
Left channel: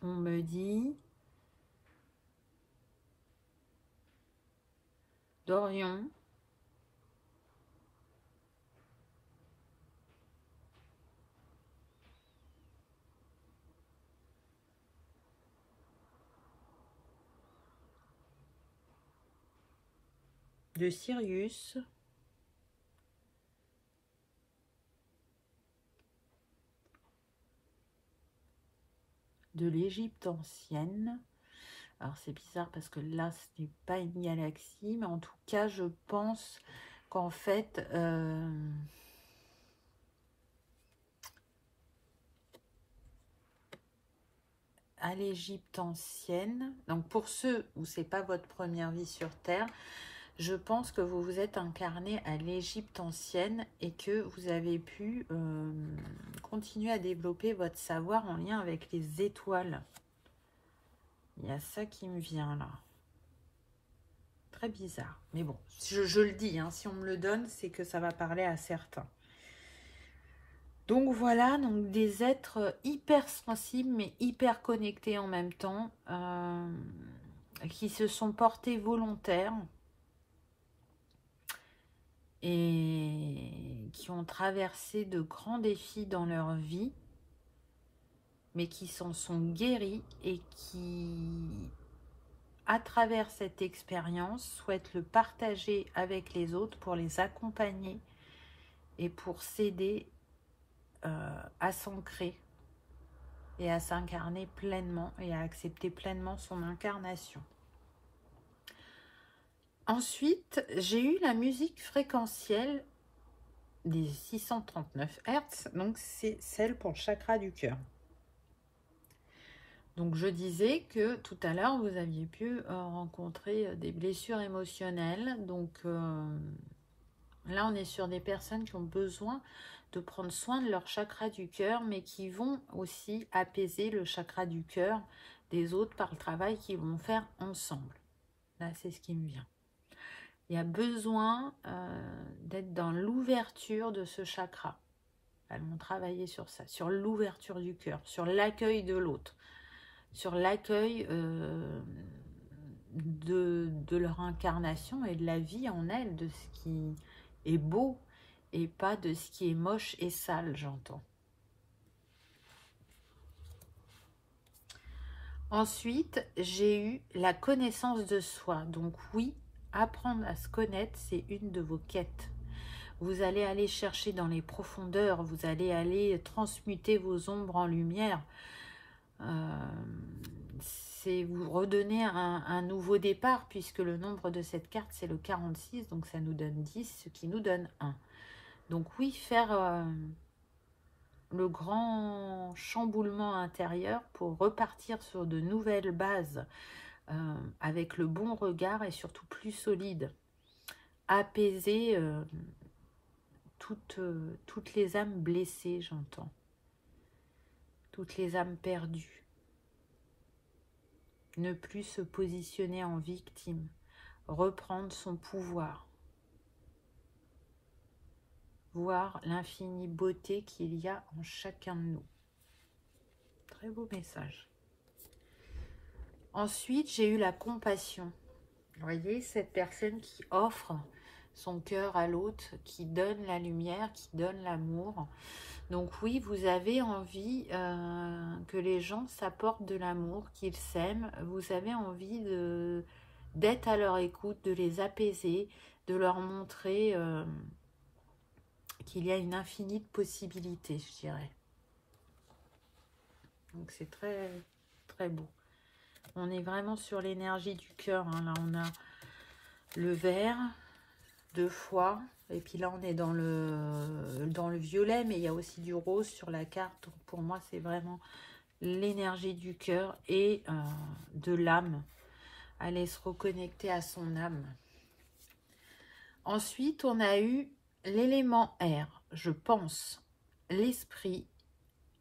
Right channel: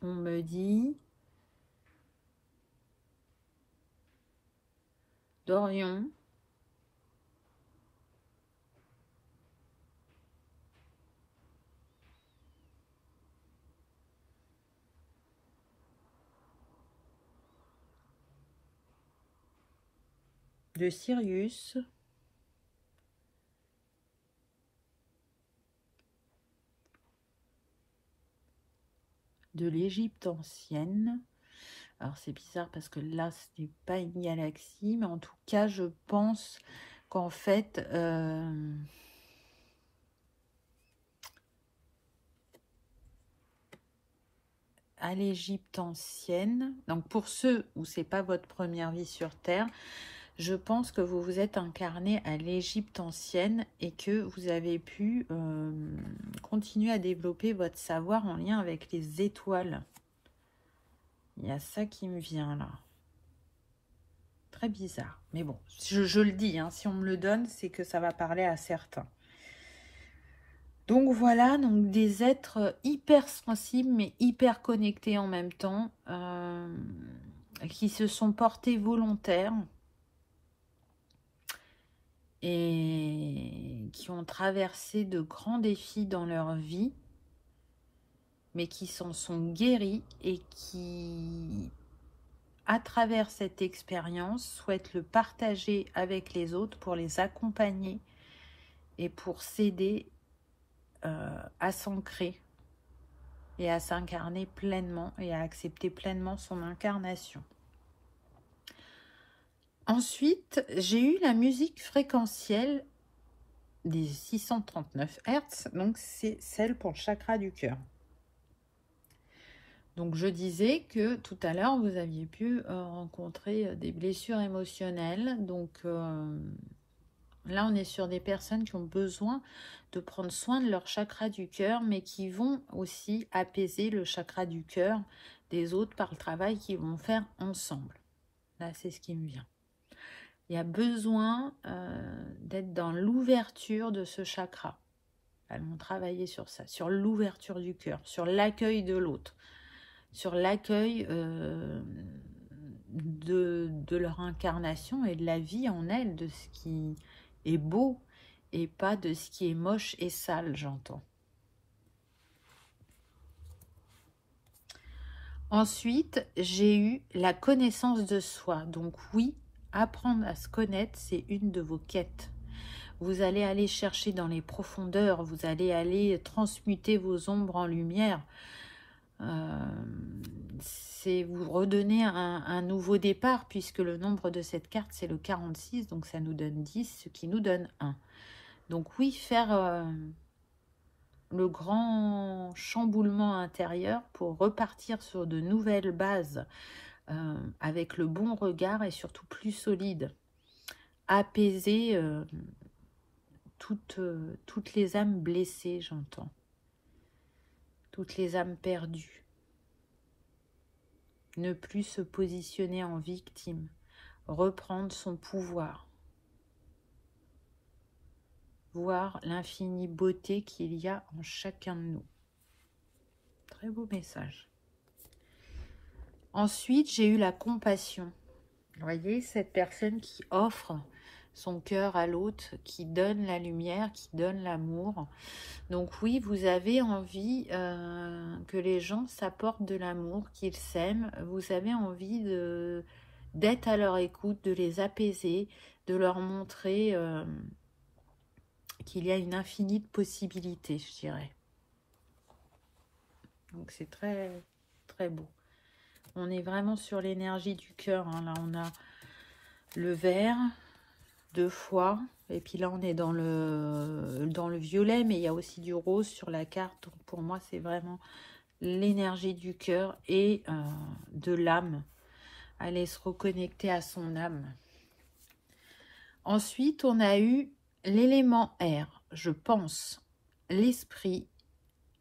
on me dit, d'Orion, de Sirius, de l'Égypte ancienne. Alors c'est bizarre parce que là ce n'est pas une galaxie, mais en tout cas je pense qu'en fait, à l'Égypte ancienne, donc pour ceux où c'est pas votre première vie sur Terre, je pense que vous vous êtes incarné à l'Égypte ancienne et que vous avez pu continuer à développer votre savoir en lien avec les étoiles. Il y a ça qui me vient là. Très bizarre. Mais bon, je le dis, hein, si on me le donne, c'est que ça va parler à certains. Donc voilà, donc des êtres hyper sensibles, mais hyper connectés en même temps, qui se sont portés volontaires et qui ont traversé de grands défis dans leur vie, mais qui s'en sont guéris et qui, à travers cette expérience, souhaitent le partager avec les autres pour les accompagner et pour s'aider à s'ancrer et à s'incarner pleinement et à accepter pleinement son incarnation. Ensuite, j'ai eu la musique fréquentielle des 639 Hz, donc c'est celle pour le chakra du cœur. Donc je disais que tout à l'heure, vous aviez pu rencontrer des blessures émotionnelles. Donc là, on est sur des personnes qui ont besoin de prendre soin de leur chakra du cœur, mais qui vont aussi apaiser le chakra du cœur des autres par le travail qu'ils vont faire ensemble. Là, c'est ce qui me vient. Il y a besoin d'être dans l'ouverture de ce chakra. Elles vont travailler sur ça, sur l'ouverture du cœur, sur l'accueil de l'autre, sur l'accueil de leur incarnation et de la vie en elles, de ce qui est beau et pas de ce qui est moche et sale, j'entends. Ensuite, j'ai eu la connaissance de soi. Donc oui, apprendre à se connaître, c'est une de vos quêtes. Vous allez aller chercher dans les profondeurs, vous allez aller transmuter vos ombres en lumière. C'est vous redonner un nouveau départ, puisque le nombre de cette carte, c'est le 46, donc ça nous donne 10, ce qui nous donne 1. Donc oui, faire le grand chamboulement intérieur pour repartir sur de nouvelles bases, avec le bon regard et surtout plus solide. Apaiser toutes les âmes blessées, j'entends. Toutes les âmes perdues. Ne plus se positionner en victime. Reprendre son pouvoir. Voir l'infinie beauté qu'il y a en chacun de nous. Très beau message. Ensuite, j'ai eu la compassion. Vous voyez, cette personne qui offre son cœur à l'autre, qui donne la lumière, qui donne l'amour. Donc oui, vous avez envie que les gens s'apportent de l'amour, qu'ils s'aiment. Vous avez envie d'être à leur écoute, de les apaiser, de leur montrer qu'il y a une infinie de possibilités, je dirais. Donc c'est très, très beau. On est vraiment sur l'énergie du cœur, hein. Là, on a le vert, 2 fois. Et puis là, on est dans le violet, mais il y a aussi du rose sur la carte. Donc pour moi, c'est vraiment l'énergie du cœur et de l'âme. Aller se reconnecter à son âme. Ensuite, on a eu l'élément air. Je pense l'esprit,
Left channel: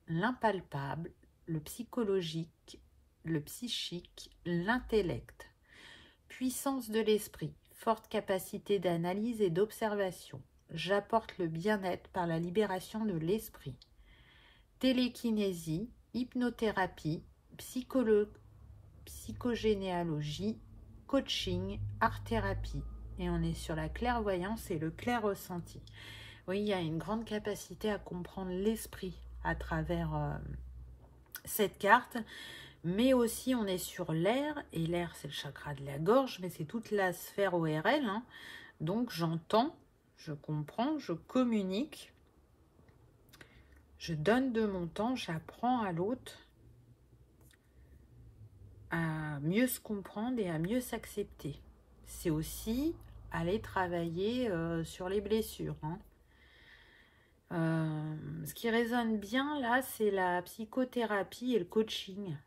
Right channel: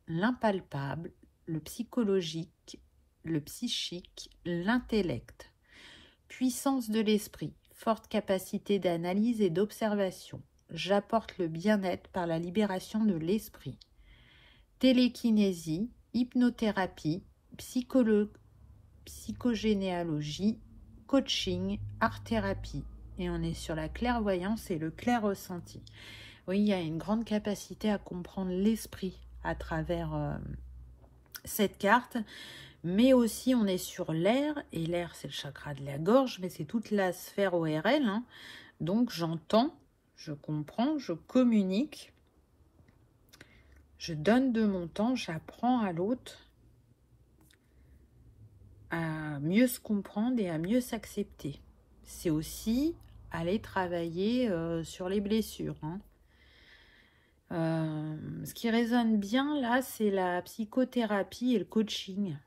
l'impalpable, le psychologique, le psychique, l'intellect. Puissance de l'esprit. Forte capacité d'analyse et d'observation. J'apporte le bien-être par la libération de l'esprit. Télékinésie, hypnothérapie, psychogénéalogie, coaching, art-thérapie. Et on est sur la clairvoyance et le clair ressenti. Oui, il y a une grande capacité à comprendre l'esprit à travers cette carte. Mais aussi, on est sur l'air, et l'air, c'est le chakra de la gorge, mais c'est toute la sphère ORL, hein. Donc, j'entends, je comprends, je communique, je donne de mon temps, j'apprends à l'autre à mieux se comprendre et à mieux s'accepter. C'est aussi aller travailler sur les blessures. Hein. Ce qui résonne bien là, c'est la psychothérapie et le coaching.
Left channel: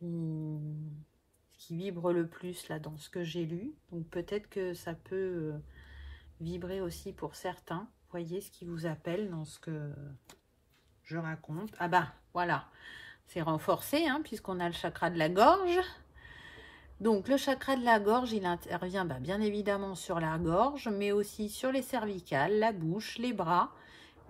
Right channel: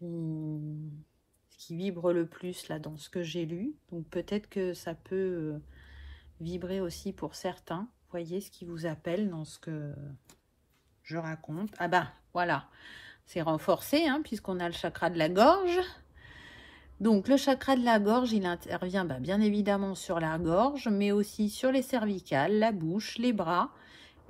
Ce qui vibre le plus là dans ce que j'ai lu. Donc peut-être que ça peut vibrer aussi pour certains. Voyez ce qui vous appelle dans ce que je raconte. Ah bah voilà, c'est renforcé hein, puisqu'on a le chakra de la gorge. Donc le chakra de la gorge, il intervient bien évidemment sur la gorge, mais aussi sur les cervicales, la bouche, les bras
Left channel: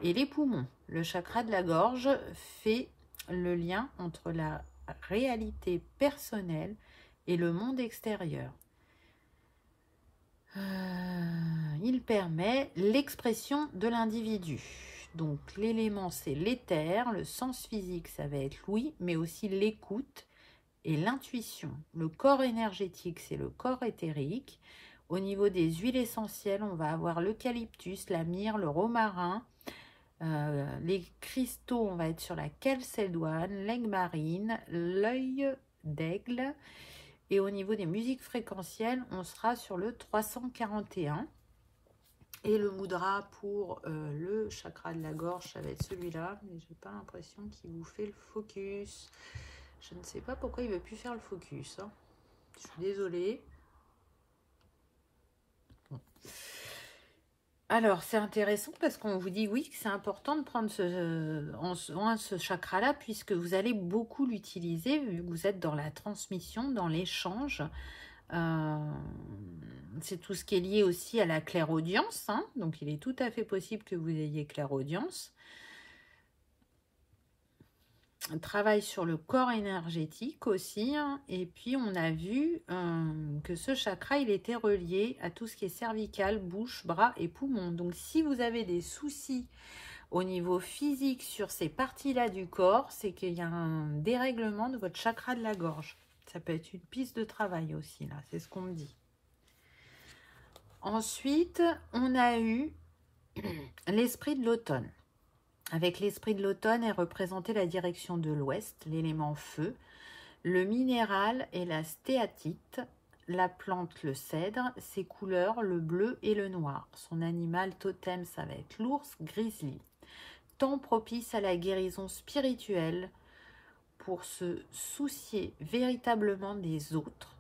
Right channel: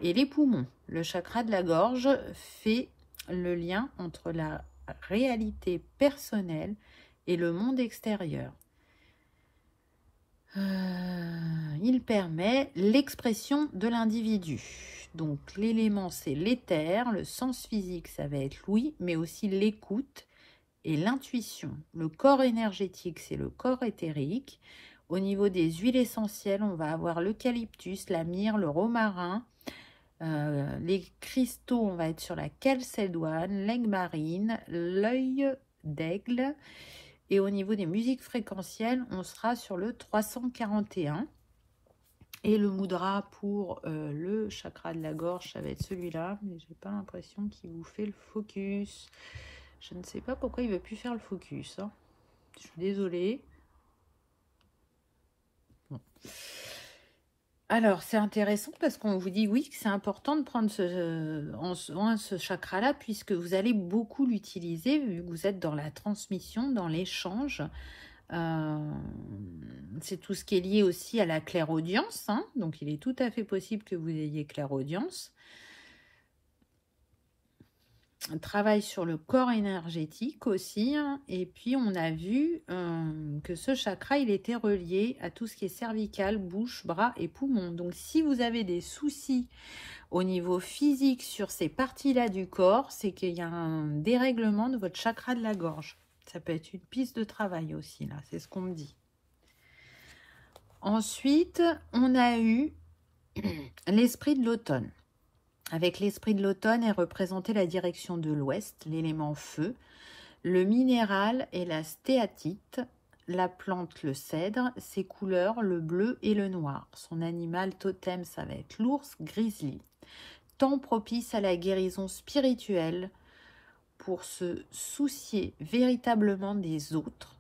et les poumons. Le chakra de la gorge fait le lien entre la réalité personnelle et le monde extérieur. Il permet l'expression de l'individu. Donc l'élément c'est l'éther, le sens physique ça va être l'ouïe, mais aussi l'écoute et l'intuition. Le corps énergétique c'est le corps éthérique. Au niveau des huiles essentielles, on va avoir l'eucalyptus, la myrrhe, le romarin. Les cristaux, on va être sur la calcédoine, l'aigle marine, l'œil d'aigle. Et au niveau des musiques fréquentielles, on sera sur le 341. Et le mudra pour le chakra de la gorge, ça va être celui-là. Mais j'ai pas l'impression qu'il vous fait le focus. Je ne sais pas pourquoi il ne veut plus faire le focus. Hein. Je suis désolée. Bon. Alors, c'est intéressant parce qu'on vous dit oui que c'est important de prendre ce chakra-là puisque vous allez beaucoup l'utiliser vu que vous êtes dans la transmission, dans l'échange. C'est tout ce qui est lié aussi à la clairaudience. Hein, donc, il est tout à fait possible que vous ayez clairaudience. On travaille sur le corps énergétique aussi. Hein, et puis, on a vu que ce chakra, il était relié à tout ce qui est cervical, bouche, bras et poumons. Donc, si vous avez des soucis au niveau physique sur ces parties-là du corps, c'est qu'il y a un dérèglement de votre chakra de la gorge. Ça peut être une piste de travail aussi, là. C'est ce qu'on me dit. Ensuite, on a eu l'esprit de l'automne. Avec l'esprit de l'automne est représenté la direction de l'ouest, l'élément feu, le minéral et la stéatite, la plante le cèdre, ses couleurs le bleu et le noir. Son animal totem, ça va être l'ours grizzly. Temps propice à la guérison spirituelle pour se soucier véritablement des autres,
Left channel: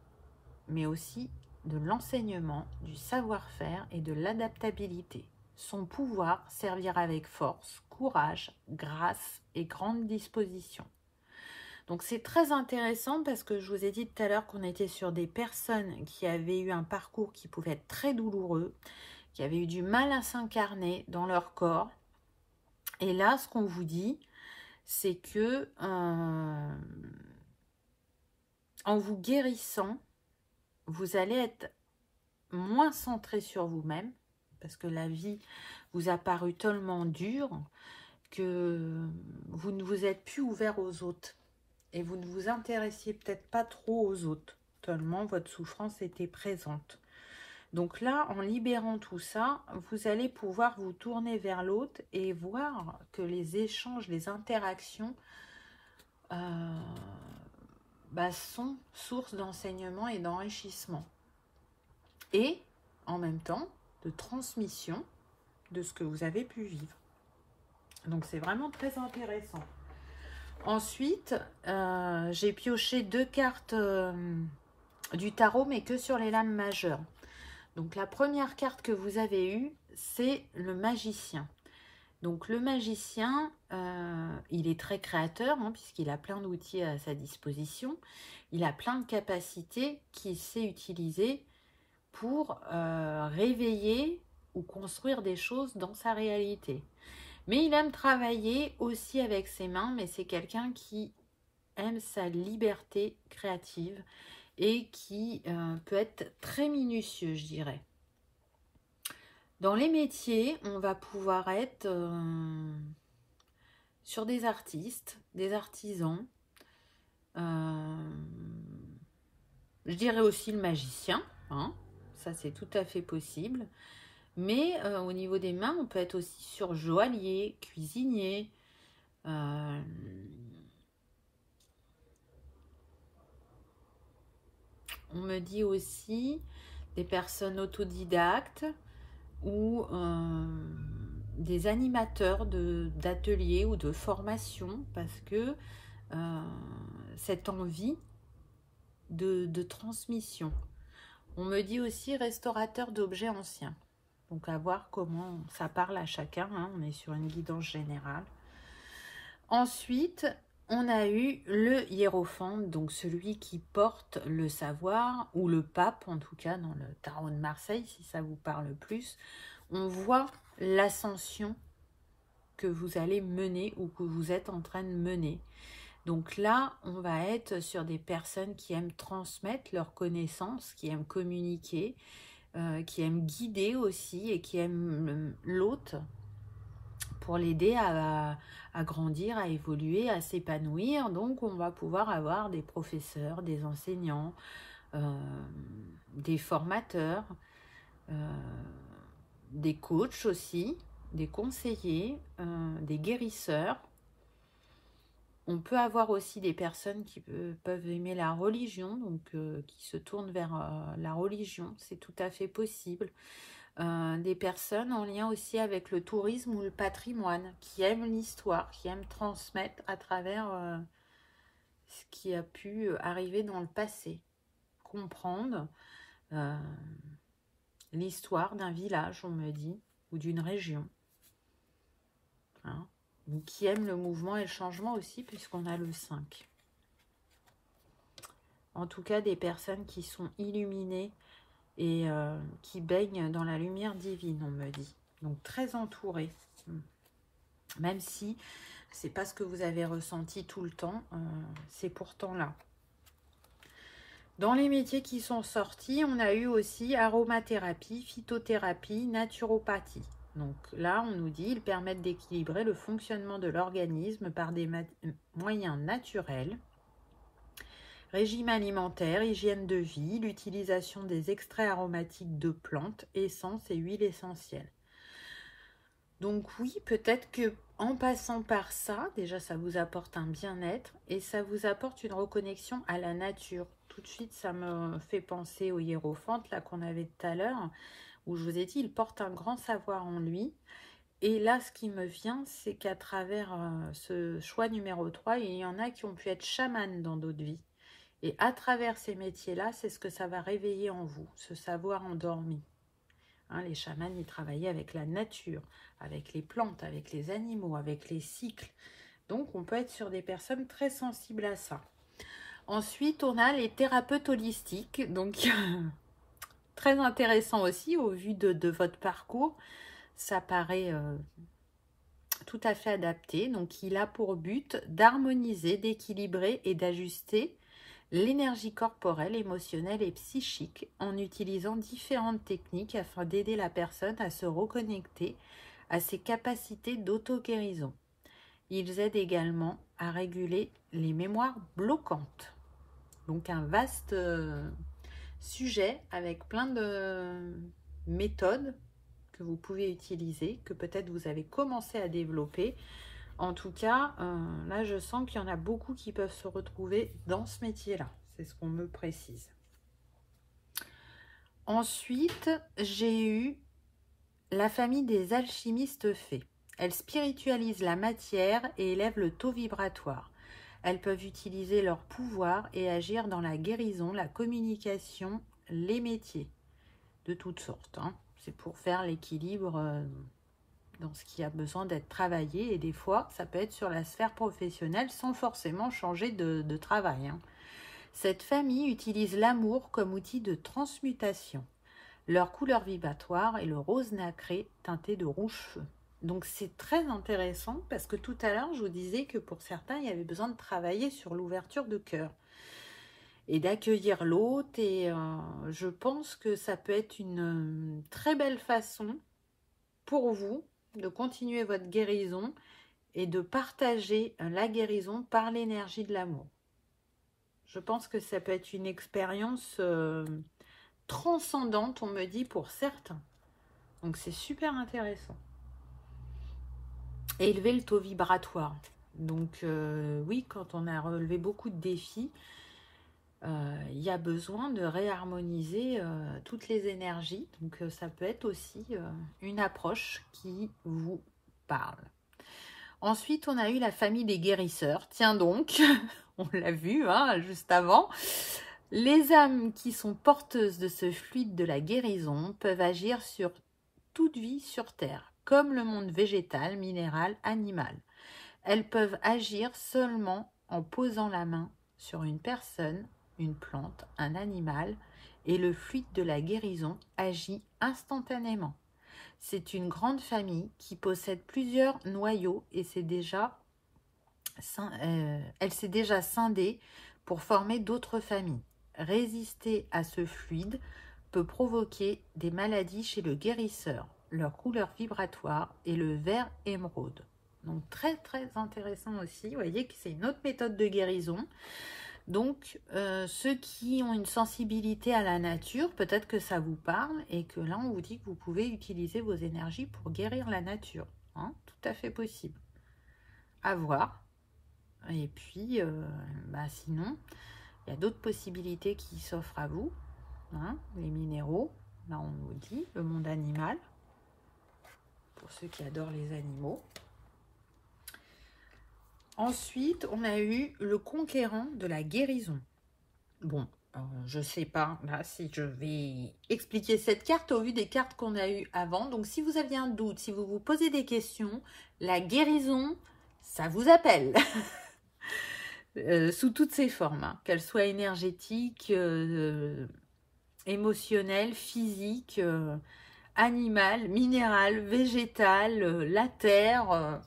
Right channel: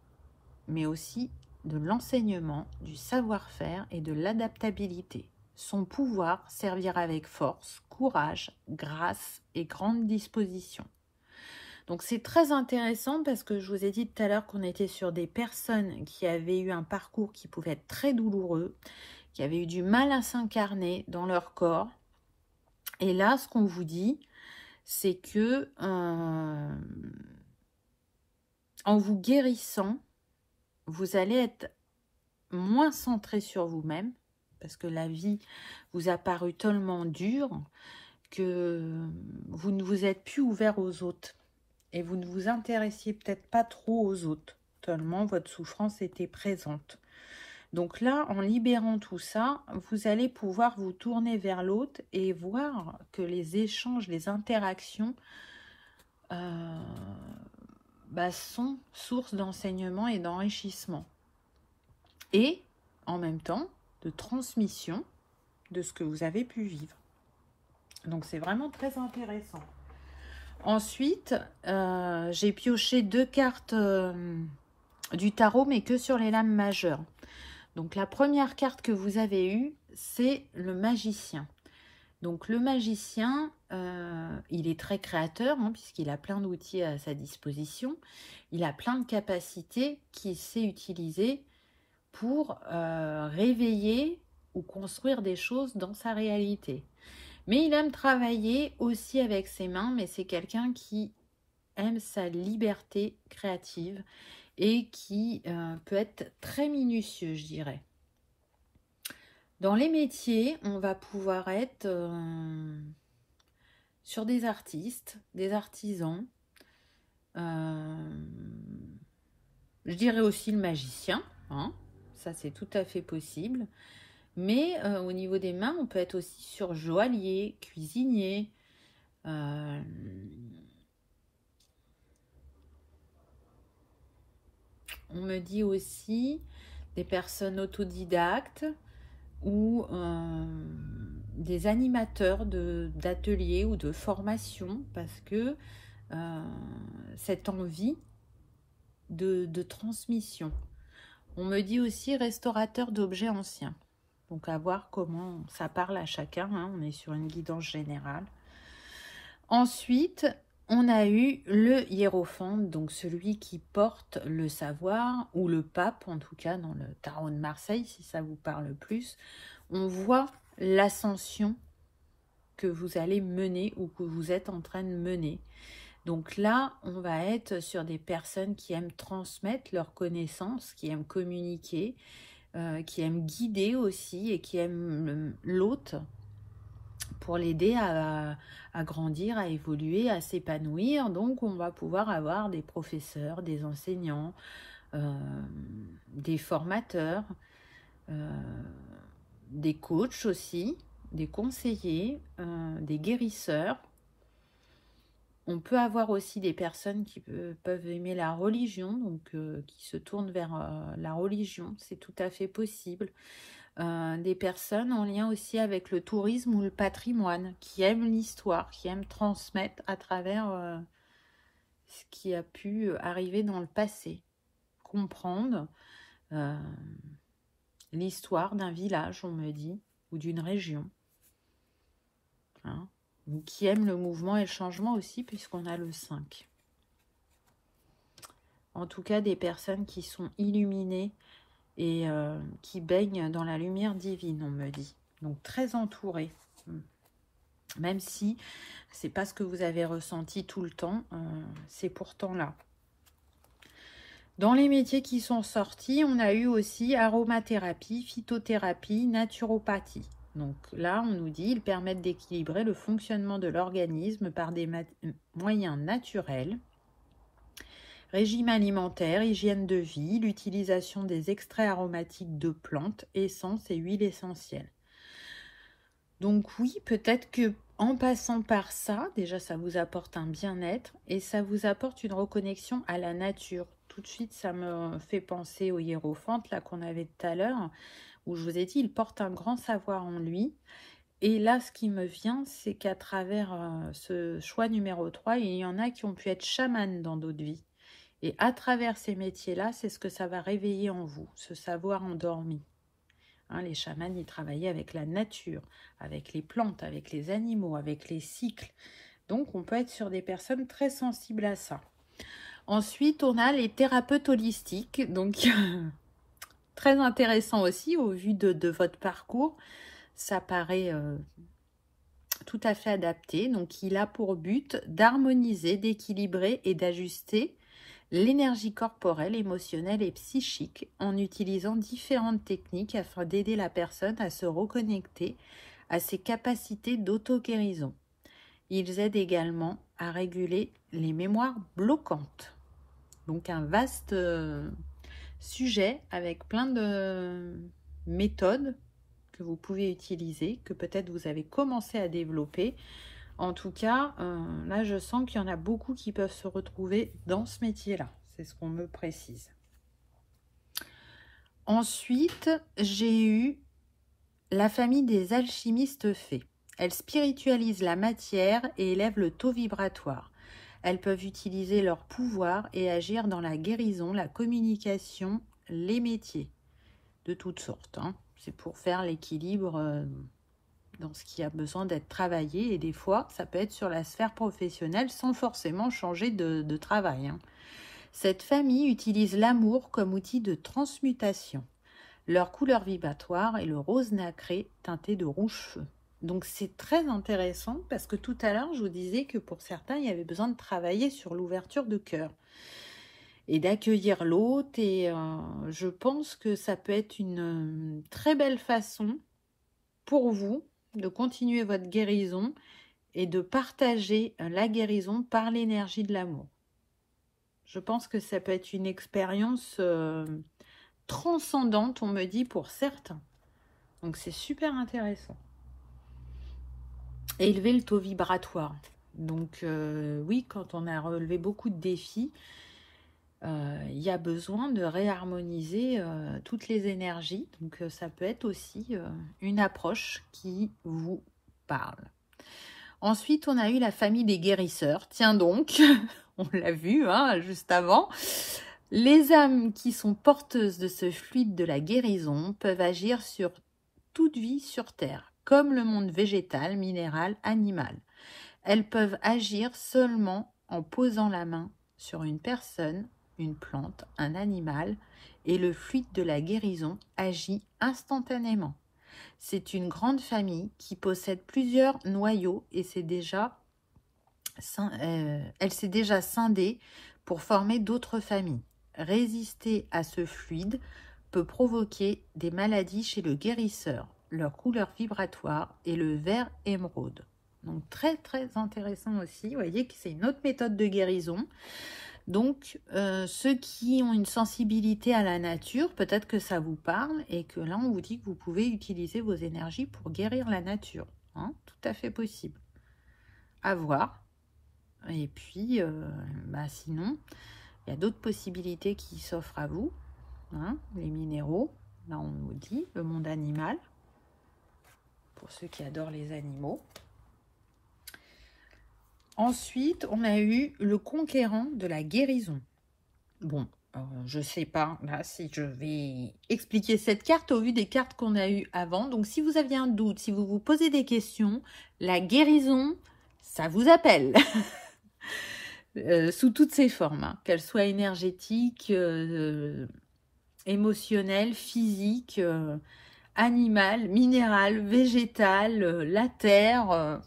mais aussi de l'enseignement, du savoir-faire et de l'adaptabilité. Son pouvoir servira avec force, courage, grâce et grande disposition. Donc c'est très intéressant parce que je vous ai dit tout à l'heure qu'on était sur des personnes qui avaient eu un parcours qui pouvait être très douloureux, qui avaient eu du mal à s'incarner dans leur corps. Et là, ce qu'on vous dit, c'est que en vous guérissant, vous allez être moins centré sur vous-même, parce que la vie vous a paru tellement dure que vous ne vous êtes plus ouvert aux autres. Et vous ne vous intéressiez peut-être pas trop aux autres, tellement votre souffrance était présente. Donc là, en libérant tout ça, vous allez pouvoir vous tourner vers l'autre et voir que les échanges, les interactions sont source d'enseignement et d'enrichissement. Et en même temps, de transmission de ce que vous avez pu vivre. Donc c'est vraiment très intéressant. Ensuite, j'ai pioché 2 cartes du tarot, mais que sur les lames majeures. Donc la première carte que vous avez eue, c'est le magicien. Donc le magicien, il est très créateur, hein, puisqu'il a plein d'outils à sa disposition. Il a plein de capacités qu'il sait utiliser pour réveiller ou construire des choses dans sa réalité. Mais il aime travailler aussi avec ses mains, mais c'est quelqu'un qui aime sa liberté créative et qui peut être très minutieux, je dirais. Dans les métiers, on va pouvoir être sur des artistes, des artisans, je dirais aussi le magicien, hein, ça c'est tout à fait possible. Mais au niveau des mains, on peut être aussi sur joaillier, cuisinier. On me dit aussi des personnes autodidactes ou des animateurs d'ateliers ou de formations, parce que cette envie de transmission. On me dit aussi restaurateur d'objets anciens. Donc à voir comment ça parle à chacun, hein. On est sur une guidance générale. Ensuite, on a eu le hiérophant, donc celui qui porte le savoir, ou le pape, en tout cas dans le tarot de Marseille, si ça vous parle plus. On voit l'ascension que vous allez mener ou que vous êtes en train de mener. Donc là, on va être sur des personnes qui aiment transmettre leurs connaissances, qui aiment communiquer, qui aiment guider aussi et qui aiment l'hôte pour l'aider à grandir, à évoluer, à s'épanouir. Donc, on va pouvoir avoir des professeurs, des enseignants, des formateurs, des coachs aussi, des conseillers, des guérisseurs. On peut avoir aussi des personnes qui peuvent aimer la religion, donc qui se tournent vers la religion, c'est tout à fait possible. Des personnes en lien aussi avec le tourisme ou le patrimoine, qui aiment l'histoire, qui aiment transmettre à travers ce qui a pu arriver dans le passé. Comprendre l'histoire d'un village, on me dit, ou d'une région. Hein, ou qui aiment le mouvement et le changement aussi, puisqu'on a le 5. En tout cas, des personnes qui sont illuminées et qui baignent dans la lumière divine, on me dit. Donc très entourées. Même si c'est pas ce que vous avez ressenti tout le temps, c'est pourtant là. Dans les métiers qui sont sortis, on a eu aussi aromathérapie, phytothérapie, naturopathie. Donc là, on nous dit, ils permettent d'équilibrer le fonctionnement de l'organisme par des moyens naturels. Régime alimentaire, hygiène de vie, l'utilisation des extraits aromatiques de plantes, essences et huiles essentielles. Donc oui, peut-être que en passant par ça, déjà ça vous apporte un bien-être et ça vous apporte une reconnexion à la nature. Tout de suite, ça me fait penser au hiérophante là qu'on avait tout à l'heure, où je vous ai dit, il porte un grand savoir en lui. Et là, ce qui me vient, c'est qu'à travers ce choix numéro 3, il y en a qui ont pu être chamanes dans d'autres vies. Et à travers ces métiers-là, c'est ce que ça va réveiller en vous, ce savoir endormi. Hein, les chamans, ils travaillaient avec la nature, avec les plantes, avec les animaux, avec les cycles. Donc, on peut être sur des personnes très sensibles à ça. Ensuite, on a les thérapeutes holistiques. Donc, très intéressant aussi au vu de votre parcours. Ça paraît tout à fait adapté. Donc, il a pour but d'harmoniser, d'équilibrer et d'ajuster l'énergie corporelle, émotionnelle et psychique en utilisant différentes techniques afin d'aider la personne à se reconnecter à ses capacités d'auto-guérison. Ils aident également à réguler les mémoires bloquantes. Donc un vaste sujet avec plein de méthodes que vous pouvez utiliser, que peut-être vous avez commencé à développer. En tout cas, là, je sens qu'il y en a beaucoup qui peuvent se retrouver dans ce métier-là. C'est ce qu'on me précise. Ensuite, j'ai eu la famille des alchimistes fées. Elles spiritualisent la matière et élèvent le taux vibratoire. Elles peuvent utiliser leur pouvoir et agir dans la guérison, la communication, les métiers de toutes sortes. Hein. C'est pour faire l'équilibre dans ce qui a besoin d'être travaillé, et des fois ça peut être sur la sphère professionnelle sans forcément changer de travail. Hein. Cette famille utilise l'amour comme outil de transmutation. Leur couleur vibratoire est le rose nacré teinté de rouge feu. Donc c'est très intéressant parce que tout à l'heure je vous disais que pour certains il y avait besoin de travailler sur l'ouverture de cœur et d'accueillir l'autre, et je pense que ça peut être une très belle façon pour vous de continuer votre guérison et de partager la guérison par l'énergie de l'amour. Je pense que ça peut être une expérience transcendante, on me dit, pour certains. Donc c'est super intéressant. Et élever le taux vibratoire. Donc oui, quand on a relevé beaucoup de défis, il y a besoin de réharmoniser toutes les énergies. Donc ça peut être aussi une approche qui vous parle. Ensuite, on a eu la famille des guérisseurs. Tiens donc, on l'a vu hein, juste avant. Les âmes qui sont porteuses de ce fluide de la guérison peuvent agir sur toute vie sur Terre, comme le monde végétal, minéral, animal. Elles peuvent agir seulement en posant la main sur une personne, une plante, un animal, et le fluide de la guérison agit instantanément. C'est une grande famille qui possède plusieurs noyaux et elle s'est déjà scindée pour former d'autres familles. Résister à ce fluide peut provoquer des maladies chez le guérisseur. Leur couleur vibratoire est le vert émeraude. Donc très très intéressant aussi. Vous voyez que c'est une autre méthode de guérison. Donc ceux qui ont une sensibilité à la nature, peut-être que ça vous parle et que là on vous dit que vous pouvez utiliser vos énergies pour guérir la nature. Hein, tout à fait possible. À voir. Et puis sinon, il y a d'autres possibilités qui s'offrent à vous. Hein, les minéraux, là on vous dit, le monde animal, pour ceux qui adorent les animaux. Ensuite, on a eu le conquérant de la guérison. Bon, je ne sais pas là si je vais expliquer cette carte au vu des cartes qu'on a eues avant. Donc, si vous aviez un doute, si vous vous posez des questions, la guérison, ça vous appelle. Sous toutes ses formes, hein, qu'elles soient énergétiques, émotionnelles, physiques, animales, minérales, végétales, la terre...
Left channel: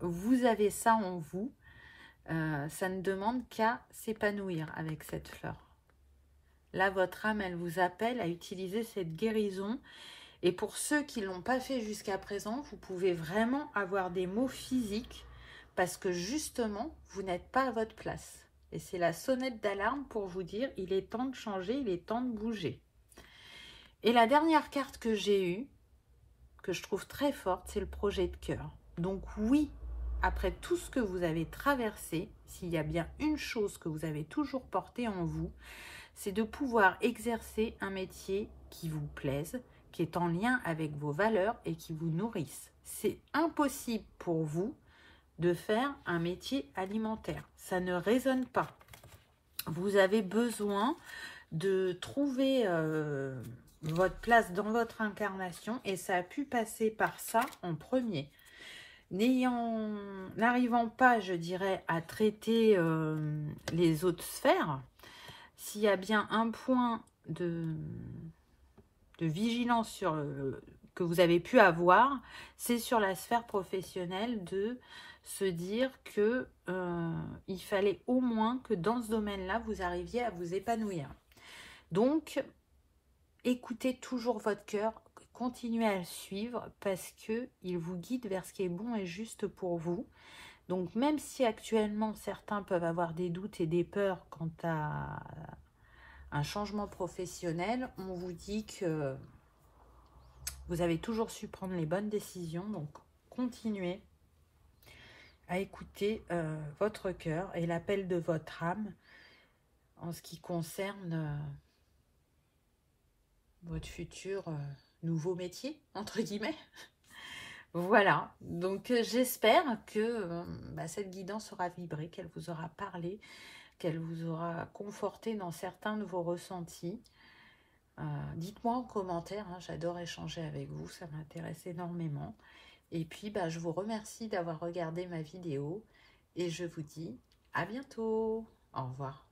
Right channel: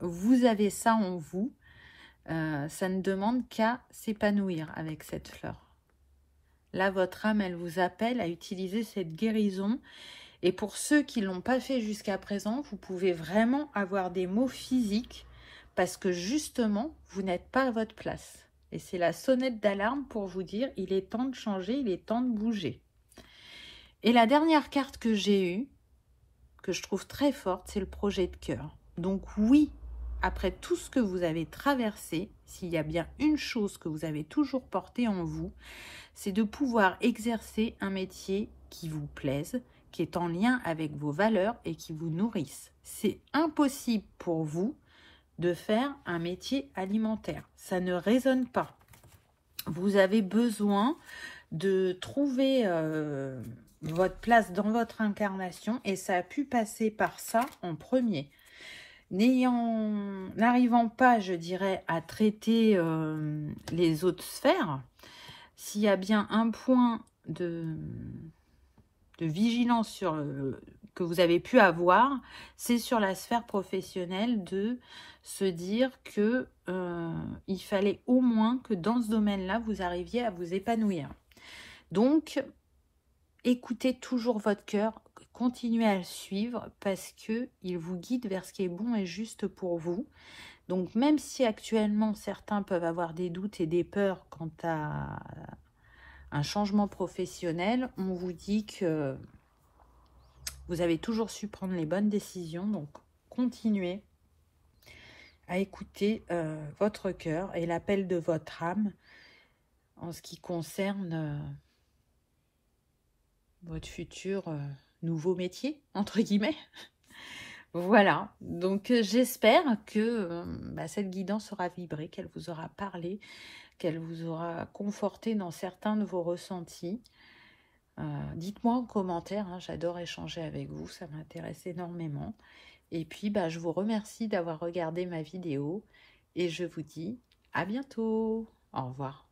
vous avez ça en vous, ça ne demande qu'à s'épanouir avec cette fleur. Là, votre âme, elle vous appelle à utiliser cette guérison. Et pour ceux qui ne l'ont pas fait jusqu'à présent, vous pouvez vraiment avoir des mots physiques parce que justement, vous n'êtes pas à votre place. Et c'est la sonnette d'alarme pour vous dire, il est temps de changer, il est temps de bouger. Et la dernière carte que j'ai eue, que je trouve très forte, c'est le projet de cœur. Donc oui, après tout ce que vous avez traversé, s'il y a bien une chose que vous avez toujours portée en vous, c'est de pouvoir exercer un métier qui vous plaise, qui est en lien avec vos valeurs et qui vous nourrisse. C'est impossible pour vous de faire un métier alimentaire. Ça ne résonne pas. Vous avez besoin de trouver votre place dans votre incarnation et ça a pu passer par ça en premier. N'arrivant pas, je dirais, à traiter les autres sphères, s'il y a bien un point de vigilance que vous avez pu avoir, c'est sur la sphère professionnelle de se dire que il fallait au moins que dans ce domaine-là, vous arriviez à vous épanouir. Donc, écoutez toujours votre cœur, continuez à le suivre parce qu'il vous guide vers ce qui est bon et juste pour vous. Donc, même si actuellement, certains peuvent avoir des doutes et des peurs quant à un changement professionnel, on vous dit que vous avez toujours su prendre les bonnes décisions. Donc, continuez à écouter votre cœur et l'appel de votre âme en ce qui concerne votre futur nouveau métier, entre guillemets. Voilà, donc j'espère que cette guidance aura vibré, qu'elle vous aura parlé, qu'elle vous aura conforté dans certains de vos ressentis. Dites-moi en commentaire, hein, j'adore échanger avec vous, ça m'intéresse énormément. Et puis, je vous remercie d'avoir regardé ma vidéo et je vous dis à bientôt. Au revoir.